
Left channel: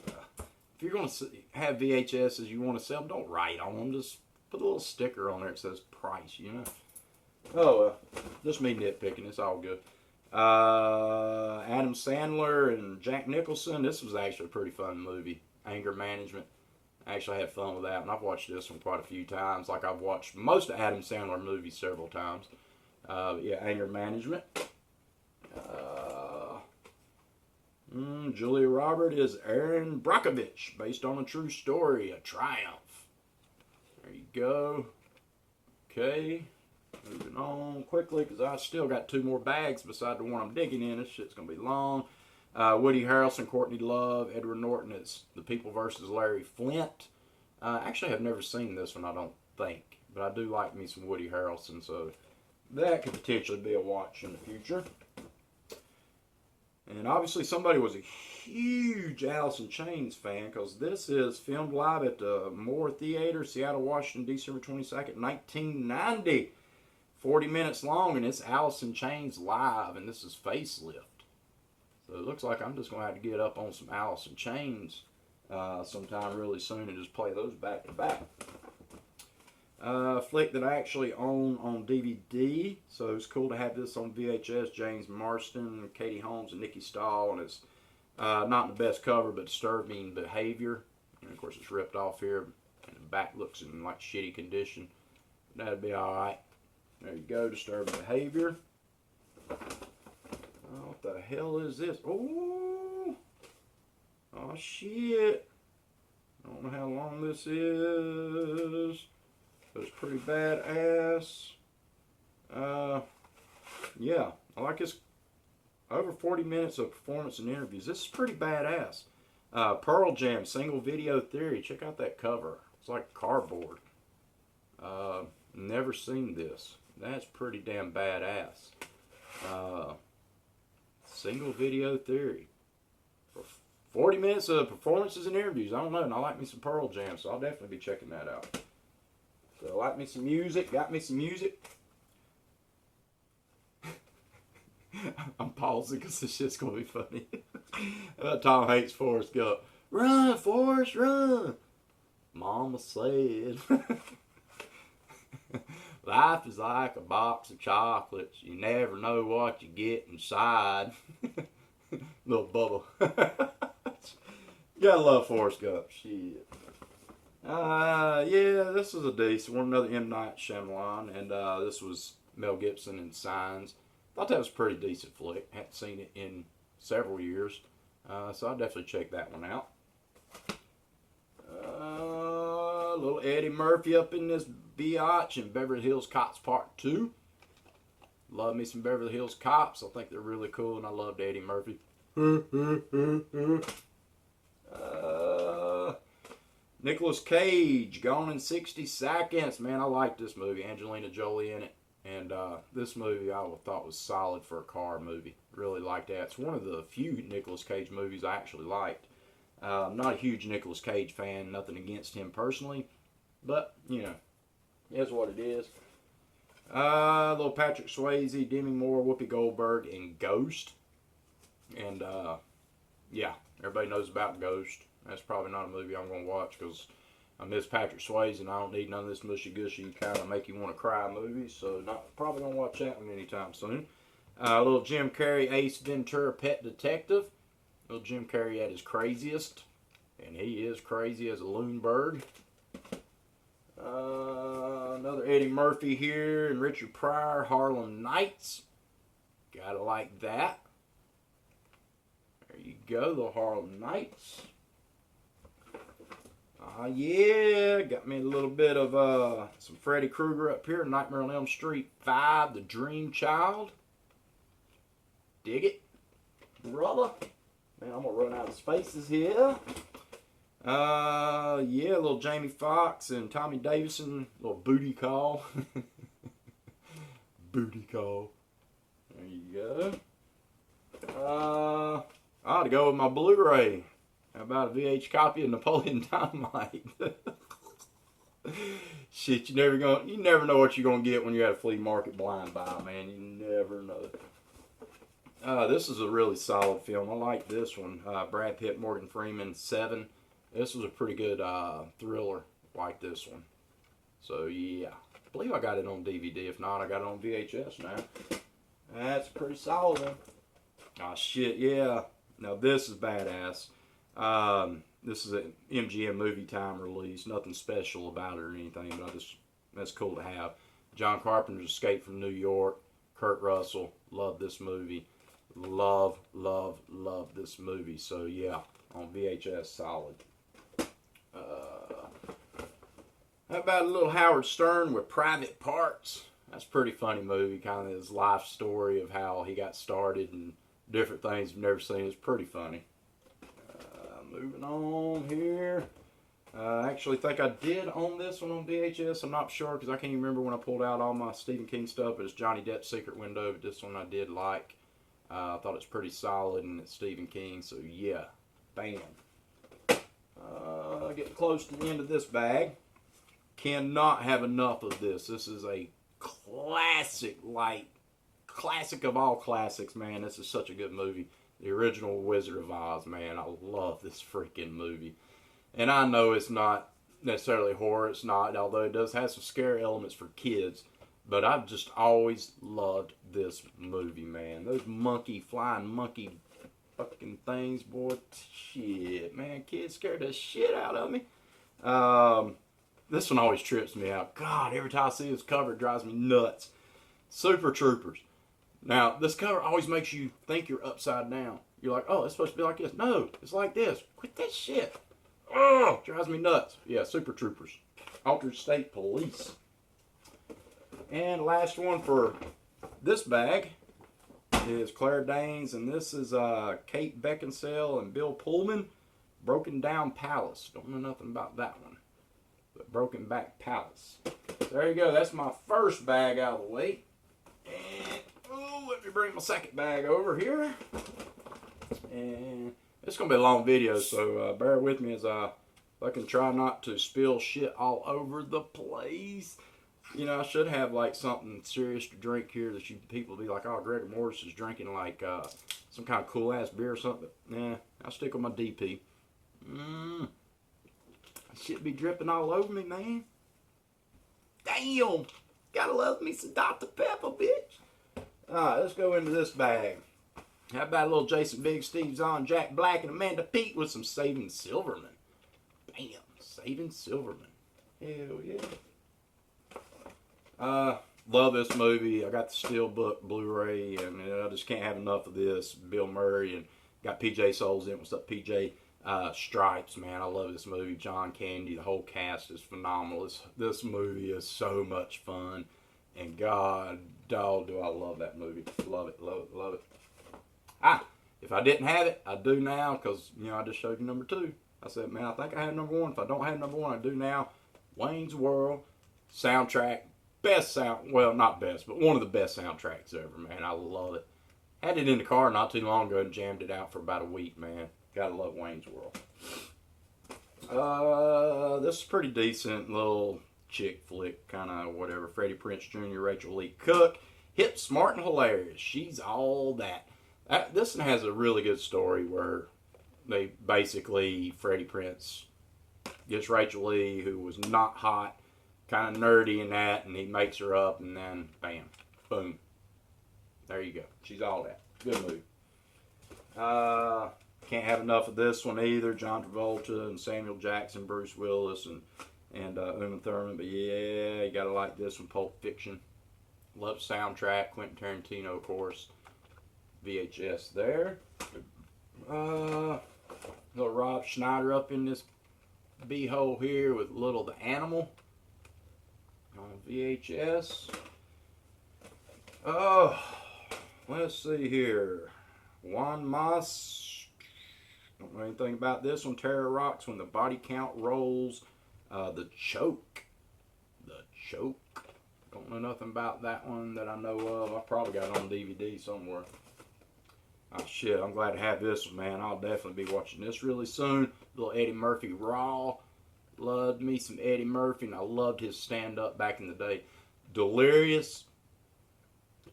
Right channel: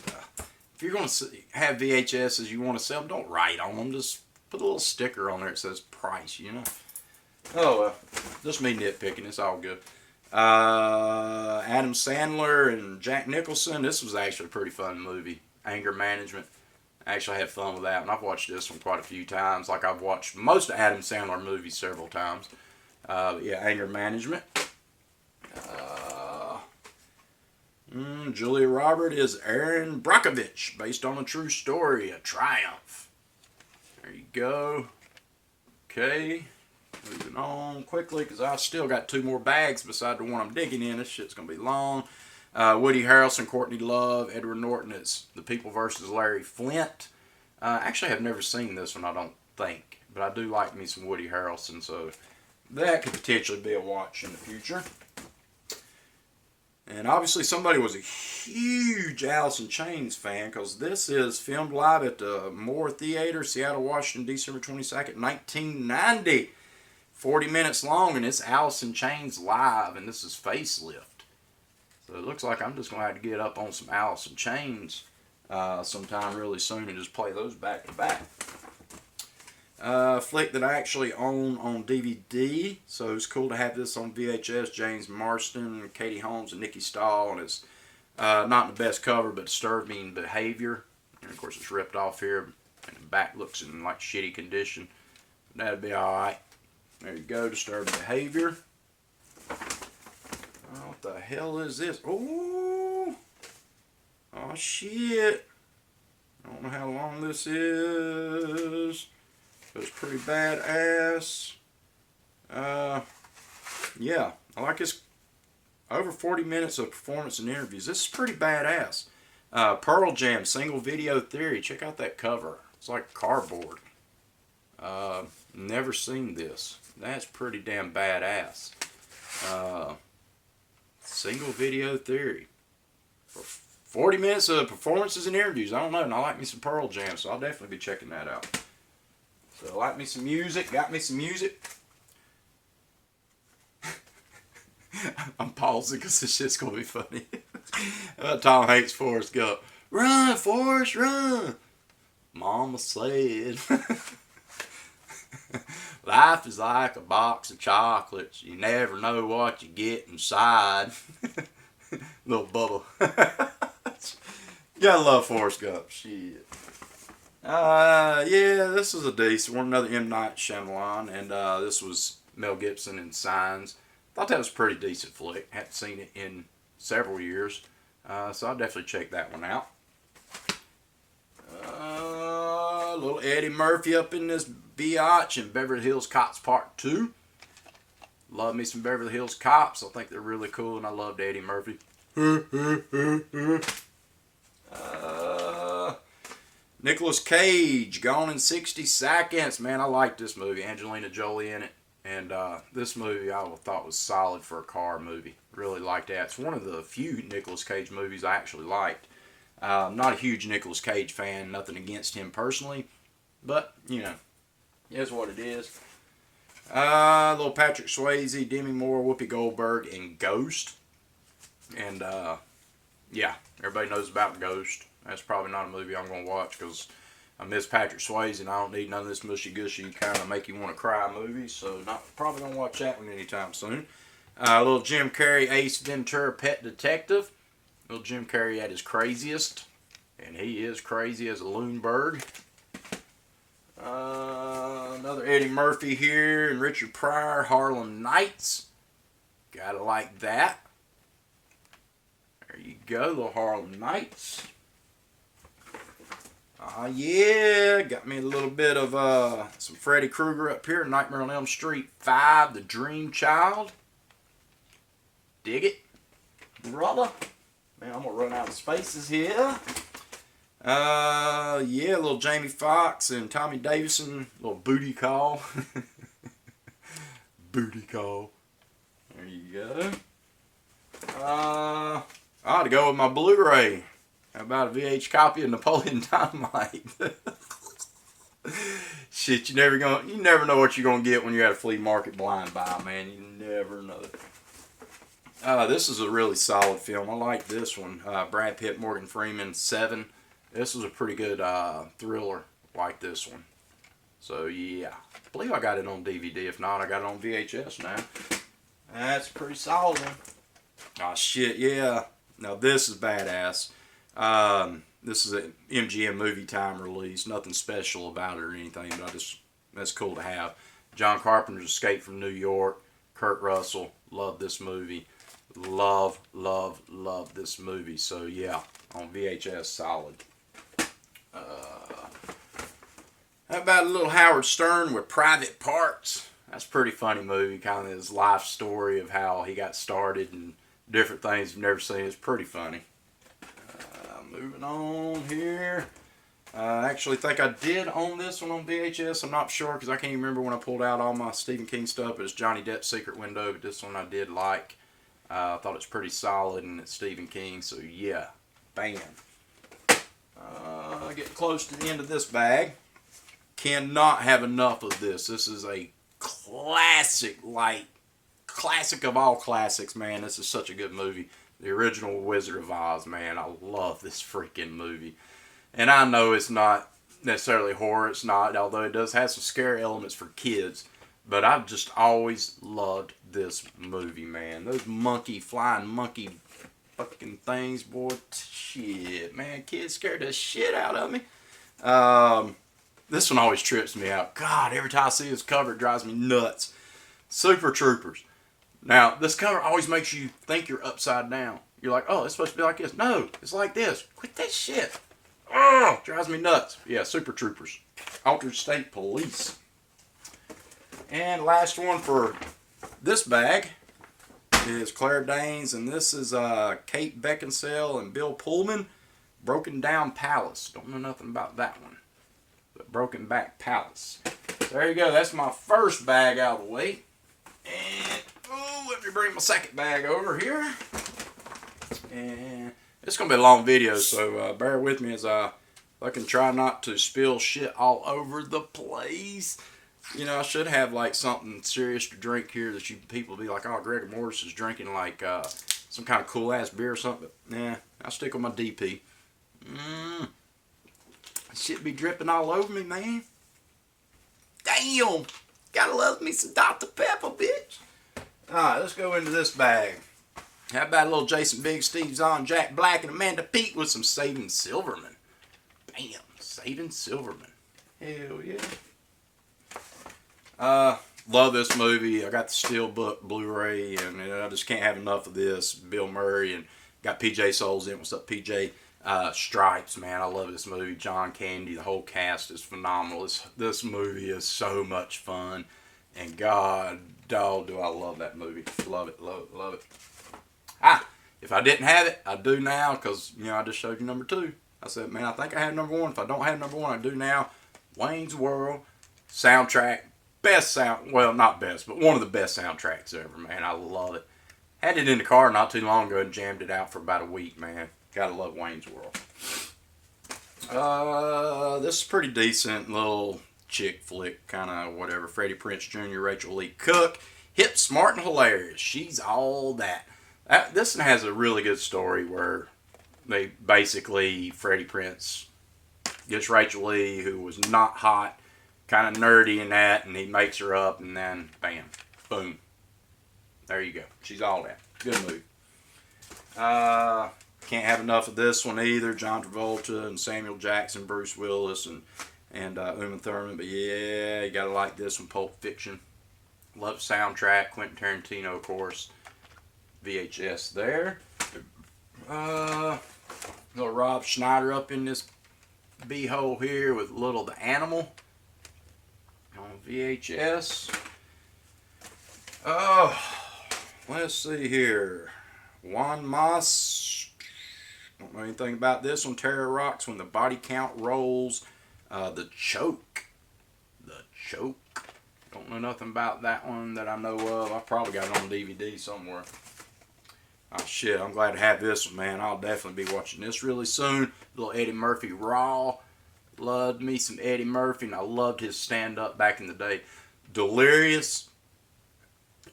if you're going to have VHSs you want to sell, don't write on them. Just put a little sticker on there that says price, you know. Oh, well, just me nitpicking. It's all good. Adam Sandler and Jack Nicholson. This was actually a pretty fun movie. Anger Management. I actually had fun with that, and I've watched this one quite a few times. Like, I've watched most of Adam Sandler movies several times. Yeah, Anger Management. Julia Roberts is Erin Brockovich, based on a true story, A Triumph. There you go. Okay, moving on quickly, because I still got 2 more bags beside the one I'm digging in. This shit's going to be long. Woody Harrelson, Courtney Love, Edward Norton as The People versus Larry Flint. Actually, I've never seen this one, I don't think. But I do like me some Woody Harrelson, so that could potentially be a watch in the future. And obviously somebody was a huge Alice in Chains fan, because this is filmed live at the Moore Theater, Seattle, Washington, December 22nd, 1990. 40 minutes long, and it's Alice in Chains live, and this is Facelift. So it looks like I'm just going to have to get up on some Alice in Chains sometime really soon and just play those back to back. Flick that I actually own on DVD, so it's cool to have this on VHS. James Marsden, Katie Holmes, and Nikki Stahl, and it's not the best cover, but Disturbing Behavior. And of course, it's ripped off here, and the back looks in like shitty condition. That'd be all right. There you go, Disturbing Behavior. Oh, what the hell is this? Oh shit! I don't know how long this is. It's pretty badass. Yeah, I like this. Over 40 minutes of performance and interviews. This is pretty badass. Pearl Jam, Single Video Theory. Check out that cover. It's like cardboard. Never seen this. That's pretty damn badass. Single Video Theory. 40 minutes of performances and interviews. I don't know, and I like me some Pearl Jam, so I'll definitely be checking that out. So, like me some music, got me some music. I'm pausing because this shit's going to be funny. Tom Hanks, Forrest Gump. Run, Forrest, run! Mama said. Life is like a box of chocolates. You never know what you get inside. Little Bubba. Gotta love Forrest Gump. Shit. Yeah, this is a decent one. Another M. Night Shyamalan. And this was Mel Gibson in Signs. Thought that was a pretty decent flick. Hadn't seen it in several years. So I'll definitely check that one out. Little Eddie Murphy up in this biatch in Beverly Hills Cops Part 2. Love me some Beverly Hills Cops. I think they're really cool, and I loved Eddie Murphy. Nicolas Cage, Gone in 60 Seconds. Man, I like this movie. Angelina Jolie in it. And this movie I thought was solid for a car movie. Really liked that. It's one of the few Nicolas Cage movies I actually liked. I'm not a huge Nicolas Cage fan. Nothing against him personally. But, you know, it's what it is. Little Patrick Swayze, Demi Moore, Whoopi Goldberg, and Ghost. And, yeah, everybody knows about Ghost. That's probably not a movie I'm going to watch because I miss Patrick Swayze and I don't need none of this mushy-gushy kind of make you want to cry movies. So, probably don't watch that one anytime soon. Little Jim Carrey, Ace Ventura, Pet Detective. Little Jim Carrey at his craziest. And he is crazy as a loon bird. Another Eddie Murphy here and Richard Pryor, Harlem Nights. Gotta like that. There you go, little Harlem Nights. Yeah, got me a little bit of some Freddy Krueger up here, Nightmare on Elm Street 5, The Dream Child. Dig it, brother. Man, I'm gonna run out of spaces here. Yeah, little Jamie Foxx and Tommy Davidson, little booty call. Booty call. There you go. I ought to go with my Blu-ray. How about a VH copy of Napoleon Dynamite? Shit, you never know what you're gonna get when you're at a flea market blind buy, man. You never know. This is a really solid film. I like this one. Brad Pitt, Morgan Freeman, Seven. This was a pretty good thriller like this one. So yeah, I believe I got it on DVD. If not, I got it on VHS now. That's a pretty solid one. Oh shit, yeah. Now this is badass. This is an MGM Movie Time release. Nothing special about it or anything, but that's cool to have. John Carpenter's Escape from New York. Kurt Russell. Love this movie. Love this movie. So yeah, on VHS, solid. How about a little Howard Stern with Private Parts? That's a pretty funny movie. Kind of his life story of how he got started and different things you've never seen. It's pretty funny. Moving on here. I actually think I did own this one on VHS. I'm not sure because I can't even remember when I pulled out all my Stephen King stuff. It was Johnny Depp's Secret Window, but this one I did like. I thought it's pretty solid and it's Stephen King, so yeah. Bam. Getting close to the end of this bag. Cannot have enough of this. This is a classic, classic of all classics, man. This is such a good movie. The original Wizard of Oz, man. I love this freaking movie. And I know it's not necessarily horror. It's not, although it does have some scary elements for kids. But I've just always loved this movie, man. Those flying monkey fucking things, boy. Shit, man. Kids scared the shit out of me. This one always trips me out. God, every time I see this cover, it drives me nuts. Super Troopers. Now, this cover always makes you think you're upside down. You're like, oh, it's supposed to be like this. No, it's like this. Quit that shit. Oh, drives me nuts. Yeah, Super Troopers. Altered State Police. And last one for this bag is Claire Danes, and this is Kate Beckinsale and Bill Pullman. Broken Down Palace. Don't know nothing about that one. But Broken Back Palace. So there you go. That's my first bag out of the way. And let me bring my second bag over here. And it's going to be a long video, so bear with me as I fucking try not to spill shit all over the place. You know, I should have like something serious to drink here that people be like, oh, Gregor Morris is drinking like some kind of cool ass beer or something. But nah, I'll stick with my DP. Shit be dripping all over me, man. Damn. Gotta love me some Dr. Pepper, bitch. Alright, let's go into this bag. How about a little Jason Biggs, Steve Zahn, Jack Black, and Amanda Peet with some Saving Silverman. Bam. Saving Silverman. Hell yeah. Love this movie. I got the Steelbook Blu-ray, and I just can't have enough of this. Bill Murray, and got PJ Souls in. What's up, PJ? Stripes, man. I love this movie. John Candy, the whole cast is phenomenal. This movie is so much fun. And God, dog, do I love that movie. Love it, love it, love it. If I didn't have it, I do now because, you know, I just showed you number 2. I said, man, I think I have number 1. If I don't have number 1, I do now. Wayne's World, soundtrack, best sound, well, not best, but one of the best soundtracks ever, man. I love it. Had it in the car not too long ago and jammed it out for about a week, man. Gotta love Wayne's World. This is pretty decent little chick flick, kind of whatever. Freddie Prinze Jr., Rachel Lee Cook. Hip, smart, and hilarious. She's all that. This one has a really good story where they basically, Freddie Prinze gets Rachel Lee, who was not hot, kind of nerdy in that, and he makes her up, and then, bam, boom. There you go. She's all that. Good movie. Can't have enough of this one either. John Travolta and Samuel Jackson, Bruce Willis, and Uma Thurman. But yeah, you gotta like this one. Pulp Fiction. Love soundtrack. Quentin Tarantino, of course. VHS there. Little Rob Schneider up in this b-hole here with Little the Animal on VHS. Oh, let's see here. Juan Mas. Don't know anything about this one. Terror Rocks, When the Body Count Rolls. The Choke. The Choke. Don't know nothing about that one that I know of. I probably got it on DVD somewhere. Oh shit, I'm glad to have this one, man. I'll definitely be watching this really soon. Little Eddie Murphy Raw. Loved me some Eddie Murphy, and I loved his stand-up back in the day. Delirious.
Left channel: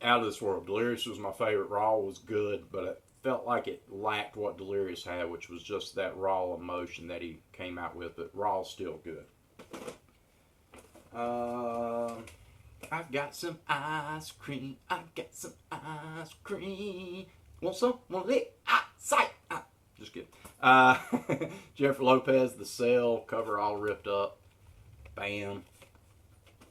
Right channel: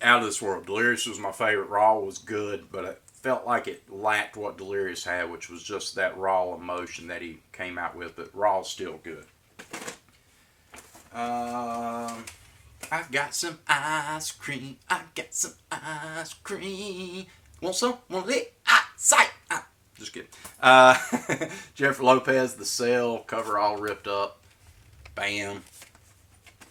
out of this world. Delirious was my favorite. Raw was good, but it felt like it lacked what Delirious had, which was just that raw emotion that he came out with. But Raw's still good. I got some ice cream. I got some ice cream. Want some? Want it? Sight. Just kidding. Jennifer Lopez, The Cell, cover all ripped up. Bam.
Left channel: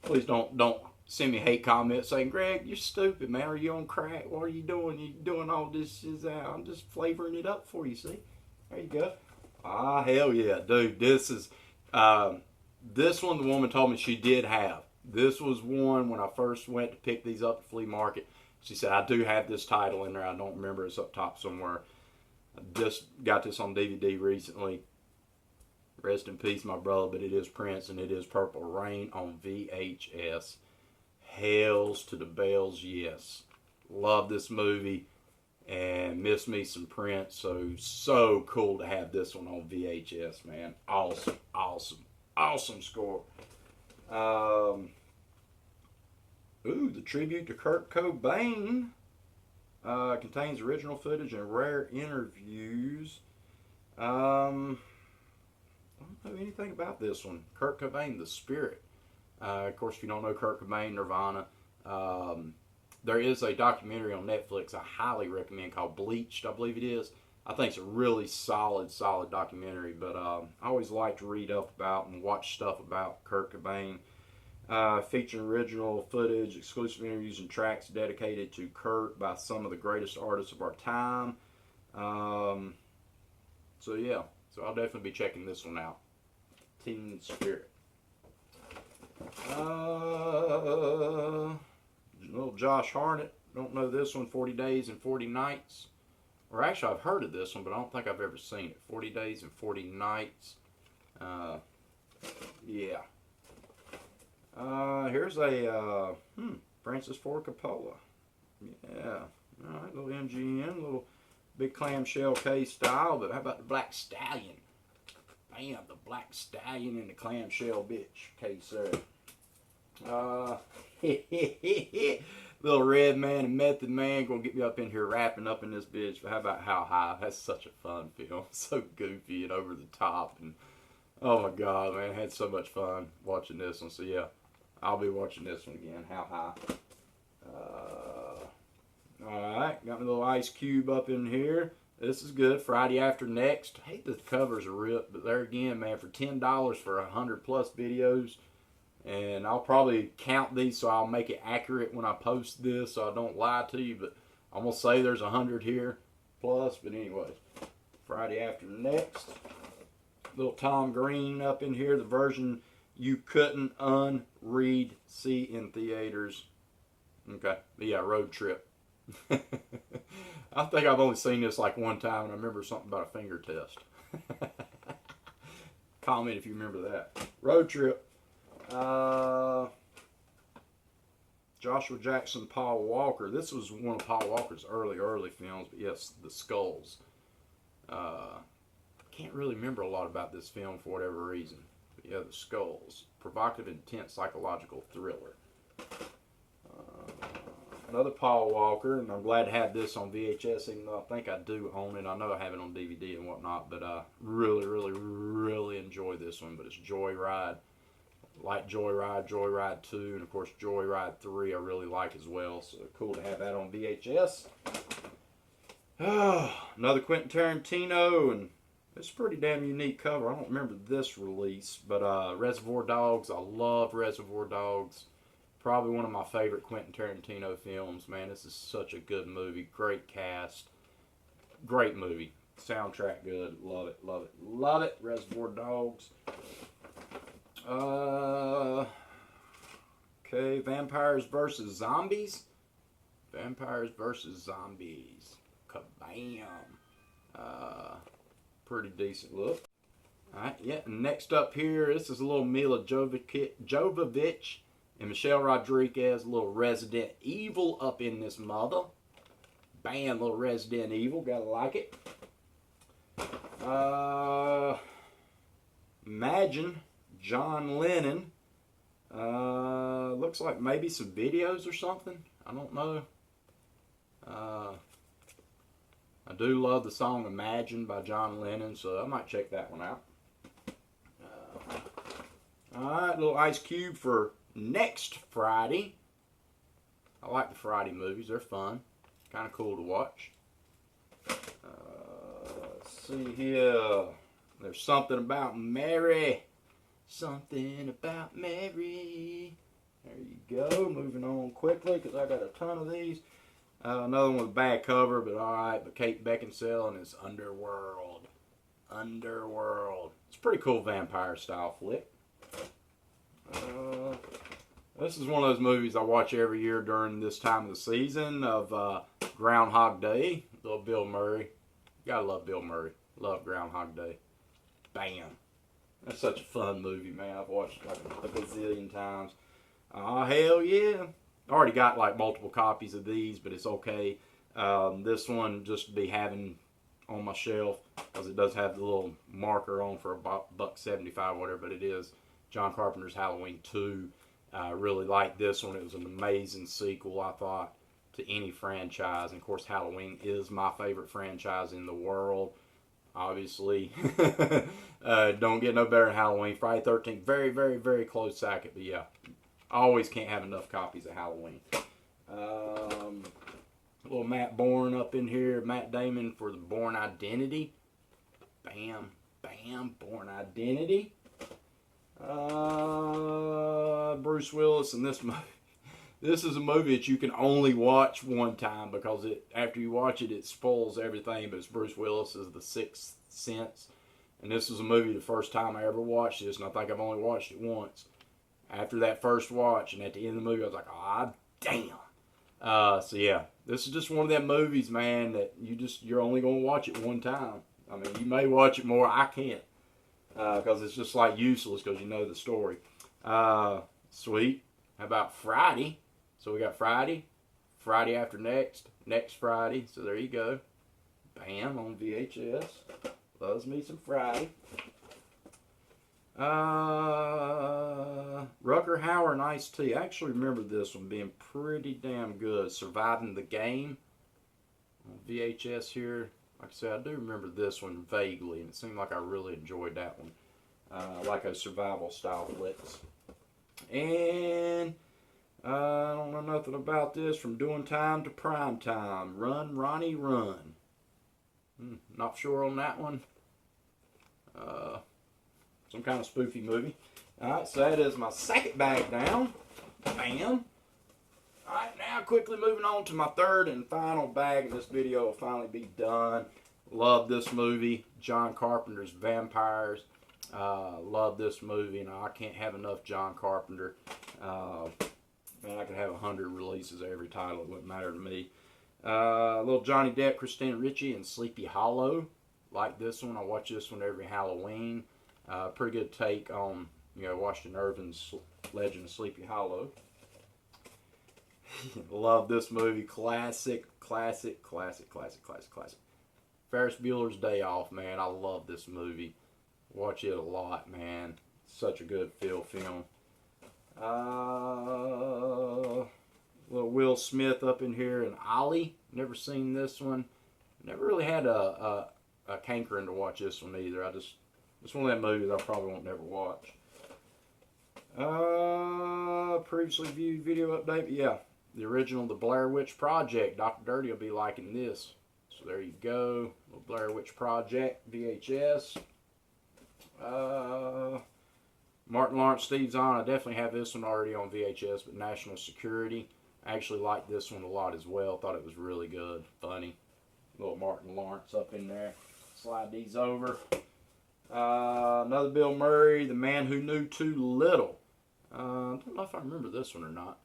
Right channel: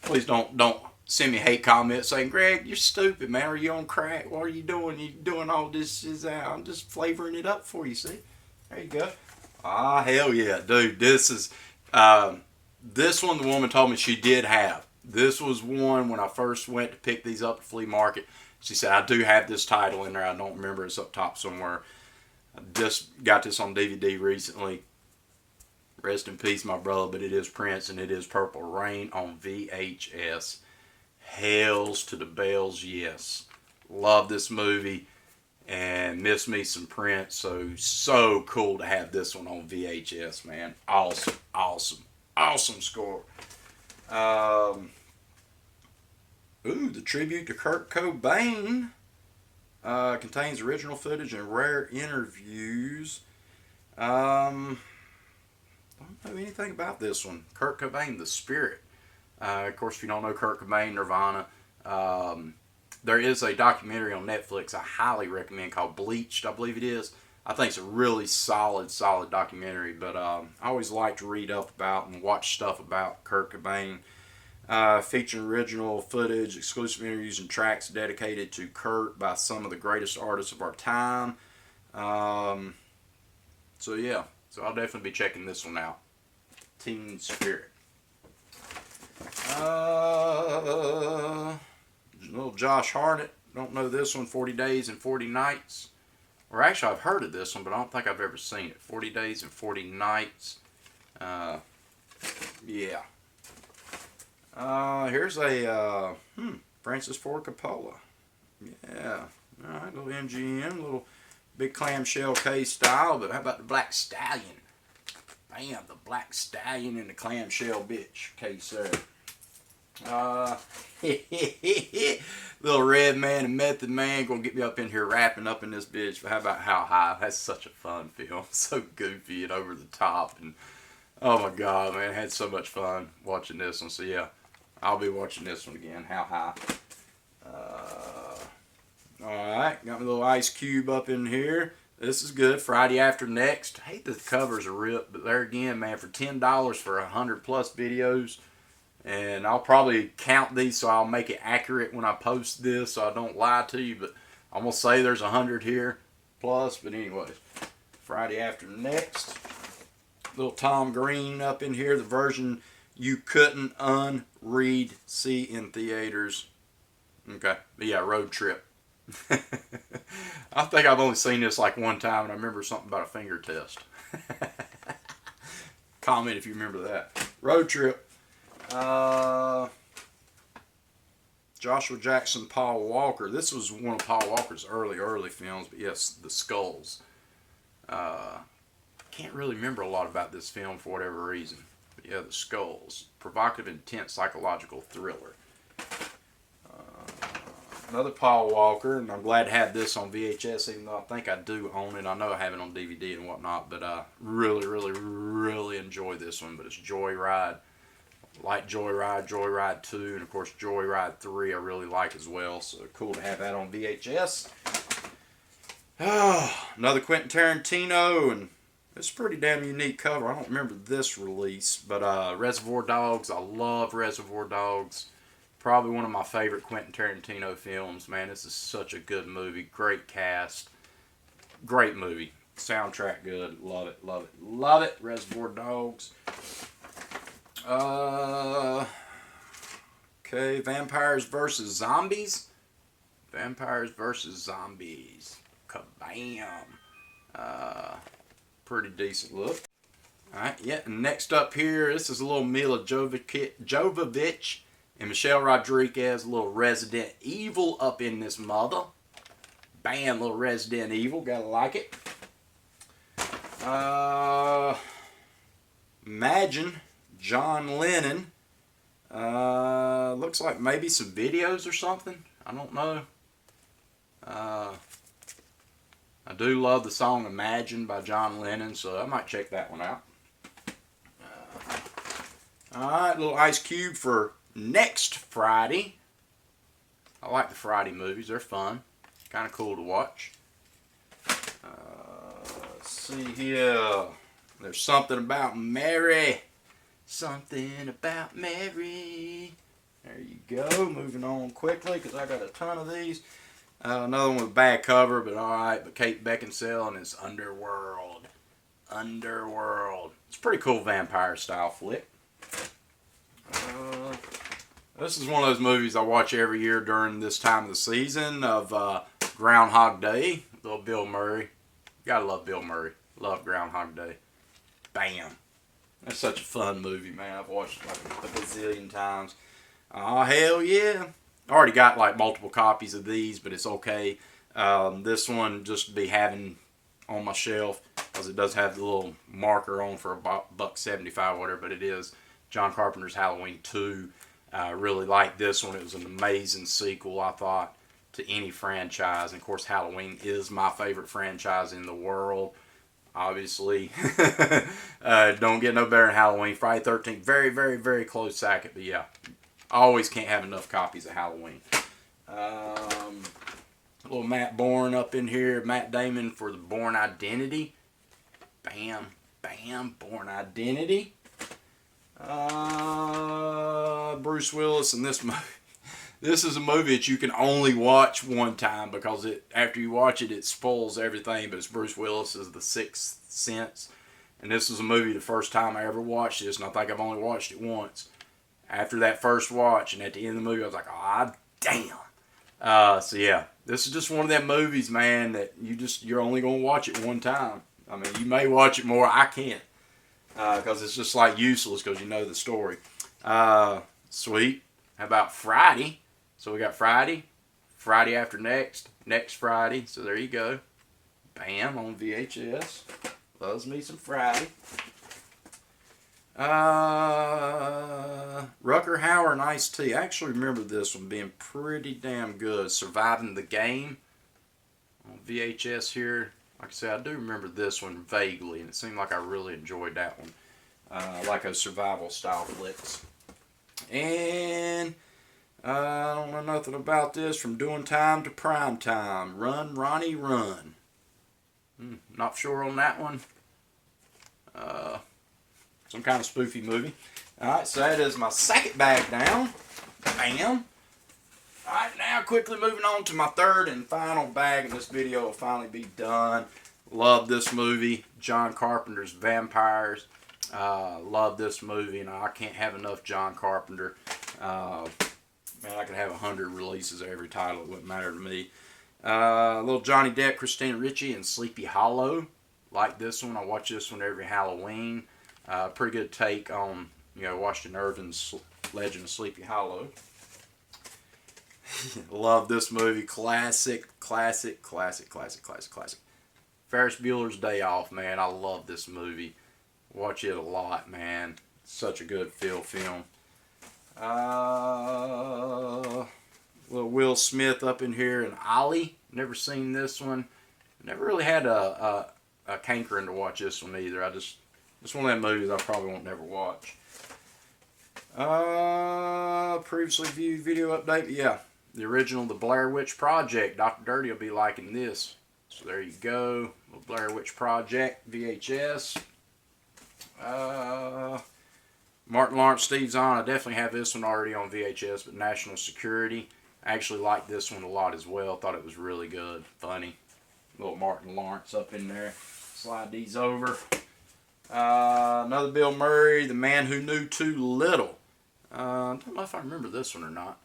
Please don't send me hate comments saying, Greg, you're stupid, man. Are you on crack? What are you doing? You doing all this? I'm just flavoring it up for you, see? There you go. Hell yeah. Dude, this is... this one the woman told me she did have. This was one when I first went to pick these up at Flea Market. She said, I do have this title in there. I don't remember. It's up top somewhere. I just got this on DVD recently. Rest in peace, my brother, but it is Prince and it is Purple Rain on VHS. Hells to the bells, yes. Love this movie and miss me some Prince. So cool to have this one on VHS, man. Awesome score. The tribute to Kurt Cobain contains original footage and rare interviews. Don't know anything about this one. Kurt Cobain, The Spirit. Of course, if you don't know Kurt Cobain, Nirvana, there is a documentary on Netflix I highly recommend called Bleached, I believe it is. I think it's a really solid documentary, but I always like to read up about and watch stuff about Kurt Cobain. Featuring original footage, exclusive interviews, and tracks dedicated to Kurt by some of the greatest artists of our time. So I'll definitely be checking this one out. Teen Spirit. Little Josh Hartnett. Don't know this one. 40 Days and 40 Nights. Or actually, I've heard of this one, but I don't think I've ever seen it. 40 Days and 40 Nights. Yeah. Here's a Francis Ford Coppola. Yeah. Alright, little MGM, little big clamshell case style, but how about the Black Stallion? Bam, the Black Stallion in the clamshell bitch case there. Little Red Man and Method Man gonna get me up in here rapping up in this bitch. But how about How High? That's such a fun film. So goofy and over the top, and oh my god, man, I had so much fun watching this one. So yeah, I'll be watching this one again. How High? Alright, got my little Ice Cube up in here. This is good. Friday After Next. I hate the covers are ripped, but there again, man, for $10 for 100 plus videos. And I'll probably count these so I'll make it accurate when I post this so I don't lie to you. But I'm going to say there's 100 here plus. But anyways, Friday After Next. Little Tom Green up in here. The version you couldn't unread, see in theaters. Okay. But yeah, Road Trip. I think I've only seen this like one time, and I remember something about a finger test. Comment if you remember that. Road Trip. Joshua Jackson, Paul Walker. This was one of Paul Walker's early films, but yes, The Skulls. Can't really remember a lot about this film for whatever reason. But yeah, The Skulls. Provocative, intense, psychological thriller. Another Paul Walker, and I'm glad to have this on VHS, even though I think I do own it. I know I have it on DVD and whatnot, but I really enjoy this one. But it's Joyride. Like Joyride, Joyride 2, and of course Joyride 3 I really like as well. So cool to have that on VHS. Another Quentin Tarantino, and it's a pretty damn unique cover. I don't remember this release, but Reservoir Dogs. I love Reservoir Dogs. Probably one of my favorite Quentin Tarantino films. Man, this is such a good movie. Great cast. Great movie. Soundtrack good. Love it. Reservoir Dogs. Okay, Vampires vs. Zombies. Vampires vs. Zombies. Kabam. Pretty decent look. Alright, yeah, and next up here, this is a little Mila Jovovich and Michelle Rodriguez, a little Resident Evil up in this mother. Bam, little Resident Evil, gotta like it. Imagine John Lennon. Looks like maybe some videos or something. I don't know. I do love the song Imagine by John Lennon, so I might check that one out. Alright, little Ice Cube for next Friday. I like the Friday movies. They're fun. Kind of cool to watch. Let's see here. There's Something About Mary. Something About Mary. There you go. Moving on quickly because I got a ton of these. Another one with a bad cover, but alright. But Kate Beckinsale and it's Underworld. Underworld. It's a pretty cool vampire style flick. This is one of those movies I watch every year during this time of the season of Groundhog Day. Little Bill Murray. Gotta love Bill Murray. Love Groundhog Day. Bam. That's such a fun movie, man. I've watched it like a gazillion times. Oh, hell yeah. I already got like multiple copies of these, but it's okay. This one just to be having on my shelf because it does have the little marker on for $1.75 whatever, but it is John Carpenter's Halloween 2. Really liked this one. It was an amazing sequel, I thought, to any franchise. And of course, Halloween is my favorite franchise in the world. Obviously, don't get no better than Halloween. Friday the 13th, very, very, very close second. But yeah, I always can't have enough copies of Halloween. A little Matt Bourne up in here. Matt Damon for the Bourne Identity. Bam, bam, Bourne Identity. Bruce Willis in this movie. This is a movie that you can only watch one time because after you watch it, it spoils everything. But it's Bruce Willis as The Sixth Sense. And this was a movie the first time I ever watched this, and I think I've only watched it once. After that first watch, and at the end of the movie, I was like, ah, damn. So yeah, this is just one of them movies, man, that you're only going to watch it one time. I mean, you may watch it more. I can't. Because it's just like useless because you know the story. Sweet. How about Friday? So we got Friday after next Friday. So there you go. Bam, on VHS. Loves me some Friday. Rucker Hauer and Ice-T. I actually remember this one being pretty damn good. Surviving the Game on VHS here. Like I said, I do remember this one vaguely, and it seemed like I really enjoyed that one. I like those survival style flicks. And I don't know nothing about this. From Doing Time to Prime Time. Run, Ronnie, Run. Not sure on that one. Some kind of spoofy movie. Alright, so that is my second bag down. Bam. Alright, now quickly moving on to my third and final bag, and this video will finally be done. Love this movie. John Carpenter's Vampires. Love this movie, and I can't have enough John Carpenter. Man, I could have 100 releases of every title. It wouldn't matter to me. Little Johnny Depp, Christina Ricci, and Sleepy Hollow. Like this one. I watch this one every Halloween. Pretty good take on, Washington Irving's Legend of Sleepy Hollow. Love this movie. Classic. Ferris Bueller's Day Off, man. I love this movie. Watch it a lot, man. Such a good film. Little Will Smith up in here and Ollie. Never seen this one. Never really had a cankering to watch this one either. It's one of them movies I probably won't never watch. Previously viewed video update. Yeah, the original The Blair Witch Project. Dr. Dirty will be liking this. So there you go. The Blair Witch Project VHS. Martin Lawrence, Steve Zahn. I definitely have this one already on VHS, but National Security. I actually liked this one a lot as well. Thought it was really good. Funny. Little Martin Lawrence up in there. Slide these over. Another Bill Murray, The Man Who Knew Too Little. I don't know if I remember this one or not.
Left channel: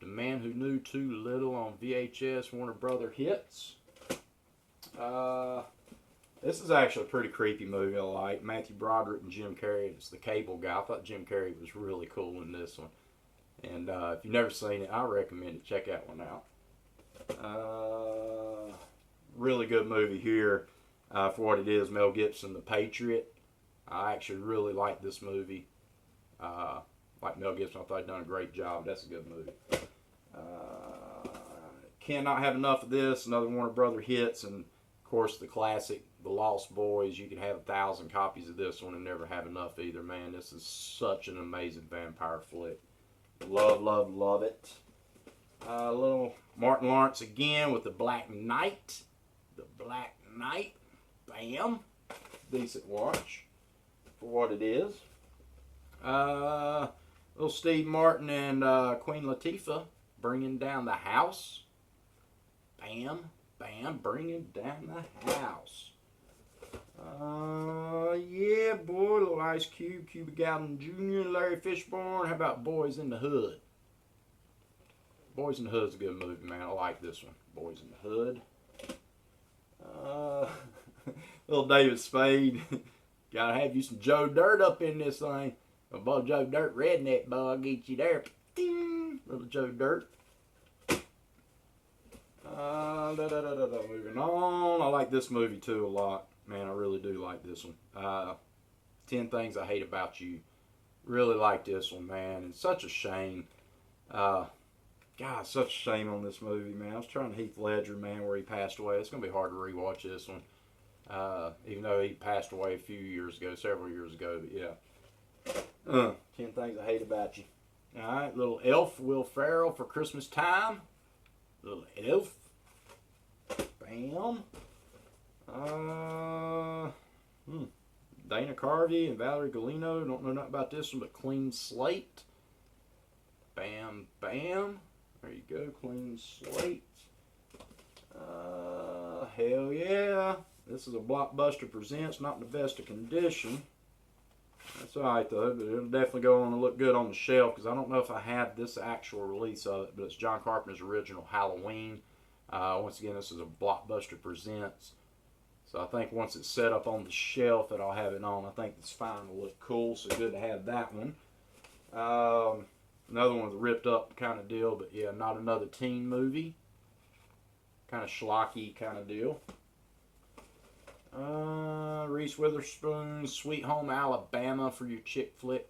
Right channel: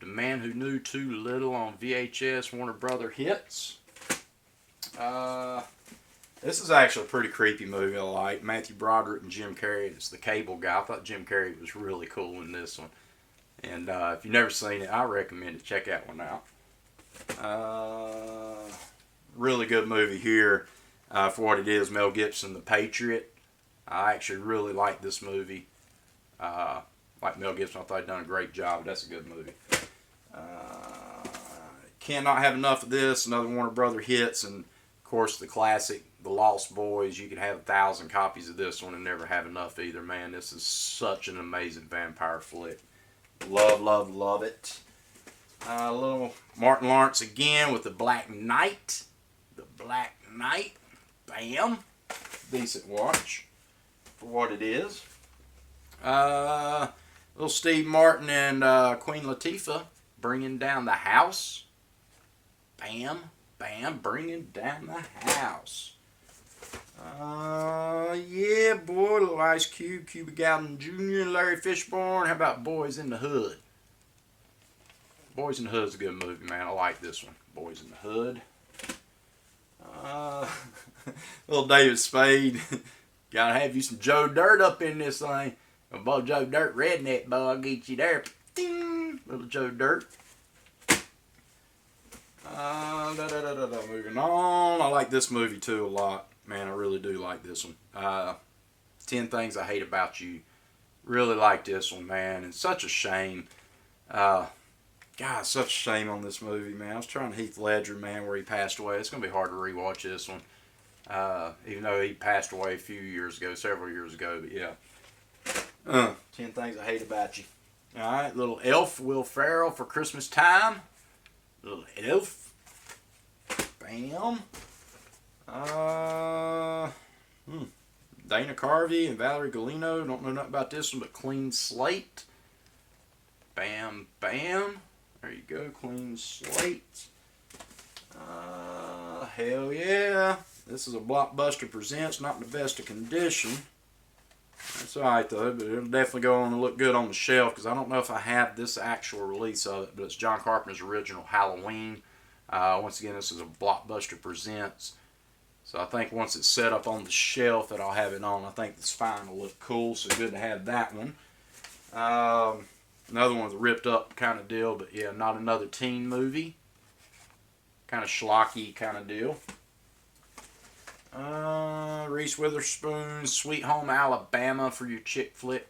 The Man Who Knew Too Little on VHS, Warner Brother Hits. This is actually a pretty creepy movie I like. Matthew Broderick and Jim Carrey. It's the Cable Guy. I thought Jim Carrey was really cool in this one. And if you've never seen it, I recommend it. Check that one out. Really good movie here. For what it is, Mel Gibson, The Patriot. I actually really like this movie. Like Mel Gibson, I thought he'd done a great job. That's a good movie. cannot have enough of this. Another Warner Brother hits, and of course the classic, The Lost Boys. You could have 1,000 copies of this one and never have enough either, man. This is such an amazing vampire flick. Love, love, love it. A little Martin Lawrence again with The Black Knight. The Black Knight. Bam. Decent watch for what it is. Little Steve Martin and Queen Latifah bringing down the house. Bam, bam, bringing down the house. Yeah, boy, little Ice Cube, Cuba Gooding Jr., and Larry Fishburne. How about Boys in the Hood? Boys in the Hood's a good movie, man. I like this one. Boys in the Hood. Little David Spade. Gotta have you some Joe Dirt up in this thing. Boy, Joe Dirt, redneck boy, I'll get you there. Ding! Little Joe Dirt. Moving on. I like this movie too a lot. Man, I really do like this one. 10 Things I Hate About You. Really like this one, man. And such a shame. God, such a shame on this movie, man. I was trying Heath Ledger, man, where he passed away. It's going to be hard to rewatch this one. Even though he passed away a few years ago, several years ago. But yeah. 10 Things I Hate About You. Alright, little Elf, Will Ferrell for Christmas time. Little Elf. Bam. Dana Carvey and Valerie Golino. Don't know nothing about this one, but Clean Slate. Bam, bam. There you go, Clean Slate. Hell yeah. This is a Blockbuster Presents, not in the best of condition. That's alright though, but it'll definitely go on and look good on the shelf, because I don't know if I have this actual release of it, but it's John Carpenter's original Halloween. Once again, this is a Blockbuster Presents. So I think once it's set up on the shelf that I'll have it on. I think this fine will look cool, so good to have that one. Another one's a ripped up kind of deal, but yeah, not another teen movie. Kind of schlocky kind of deal. Reese Witherspoon, Sweet Home Alabama for your chick flick.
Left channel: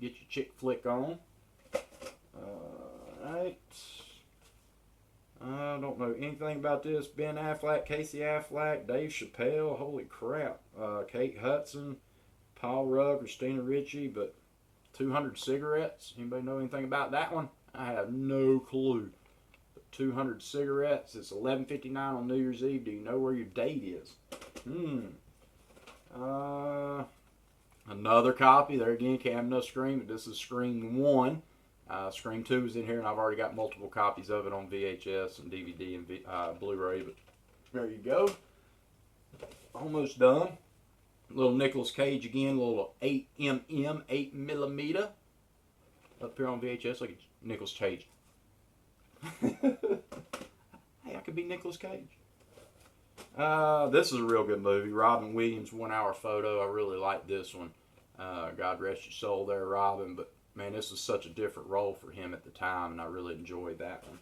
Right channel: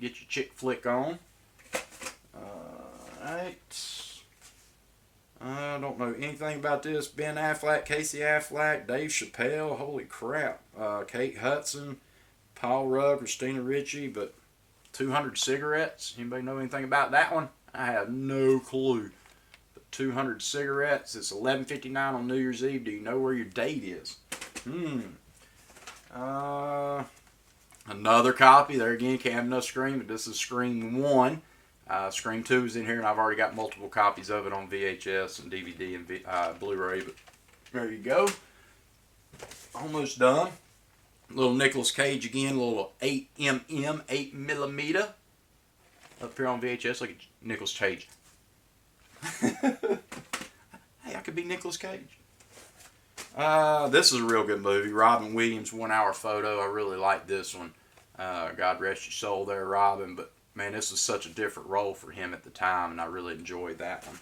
Get your chick flick on. Alright. I don't know anything about this. Ben Affleck, Casey Affleck, Dave Chappelle. Holy crap. Kate Hudson, Paul Rudd, Christina Ricci, but 200 Cigarettes. Anybody know anything about that one? I have no clue. But 200 Cigarettes. It's 11:59 on New Year's Eve. Do you know where your date is? Another copy. There again, can't have enough Scream, but this is Scream 1. Scream 2 is in here, and I've already got multiple copies of it on VHS and DVD and Blu-ray, but there you go. Almost done. Little Nicolas Cage again, little 8mm, 8mm. Up here on VHS, like Nicolas Cage. Hey, I could be Nicolas Cage. This is a real good movie. Robin Williams, 1 hour photo. I really like this one. God rest your soul there, Robin. But man, this was such a different role for him at the time, and I really enjoyed that one.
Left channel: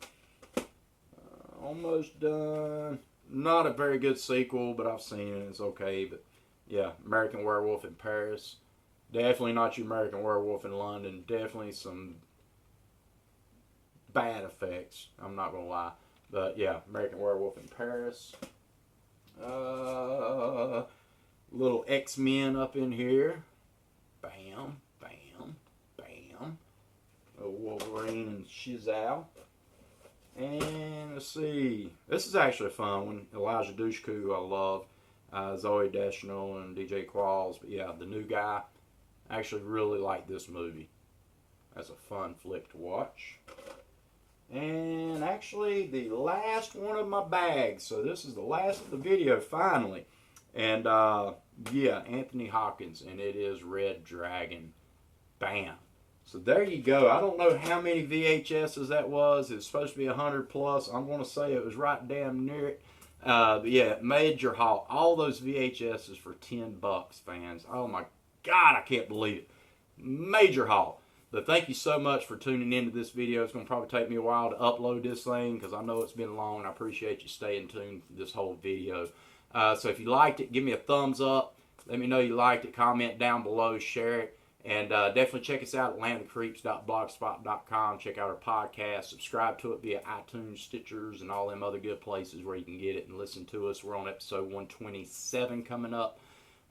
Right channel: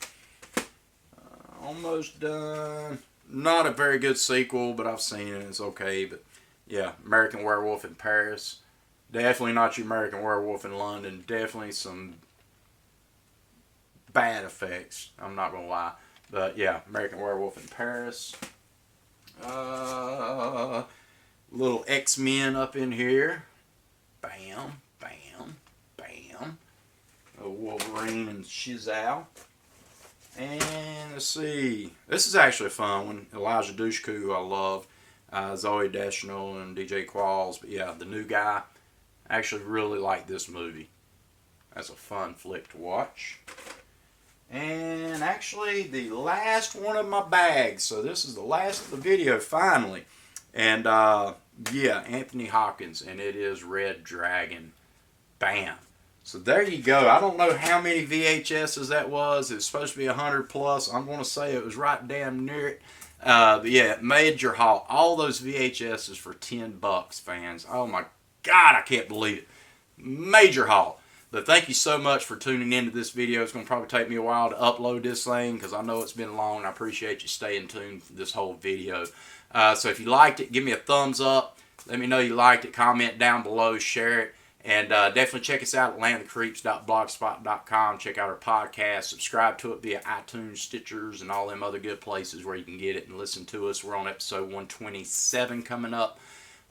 Almost done. Not a very good sequel, but I've seen it. It's okay. But yeah, American Werewolf in Paris. Definitely not your American Werewolf in London. Definitely some bad effects. I'm not going to lie. But yeah, American Werewolf in Paris. Little X-Men up in here. Bam, bam, bam. Wolverine and Shizal. And let's see. This is actually a fun one. Elijah Dushku, who I love. Zoe Deschanel and DJ Qualls. But yeah, the new guy. I actually really like this movie. That's a fun flick to watch. And actually, the last one of my bags. So this is the last of the video, finally. And yeah, Anthony Hopkins, and it is Red Dragon. Bam. So there you go. I don't know how many VHSs that was. It's supposed to be 100 plus. I'm going to say it was right damn near it. But yeah, major haul. All those VHSs for $10, fans. Oh my God, I can't believe it. Major haul. But thank you so much for tuning into this video. It's going to probably take me a while to upload this thing because I know it's been long. I appreciate you staying tuned for this whole video. So if you liked it, give me a thumbs up. Let me know you liked it. Comment down below. Share it. And definitely check us out at landofthecreeps.blogspot.com. Check out our podcast. Subscribe to it via iTunes, Stitchers, and all them other good places where you can get it and listen to us. We're on episode 127 coming up.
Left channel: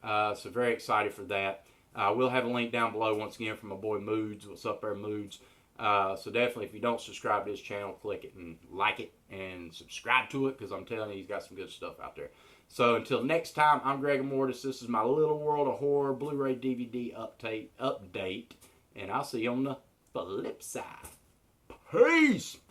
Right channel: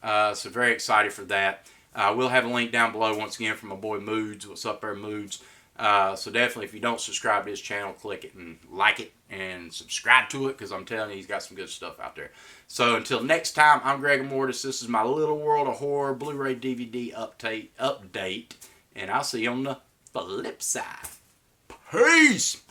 So very excited for that. We'll have a link down below once again from my boy Moods. What's up there, Moods? So definitely, if you don't subscribe to his channel, click it and like it and subscribe to it, because I'm telling you, he's got some good stuff out there. So until next time, I'm Greg Mortis. This is my Little World of Horror Blu-ray DVD update, and I'll see you on the flip side. Peace!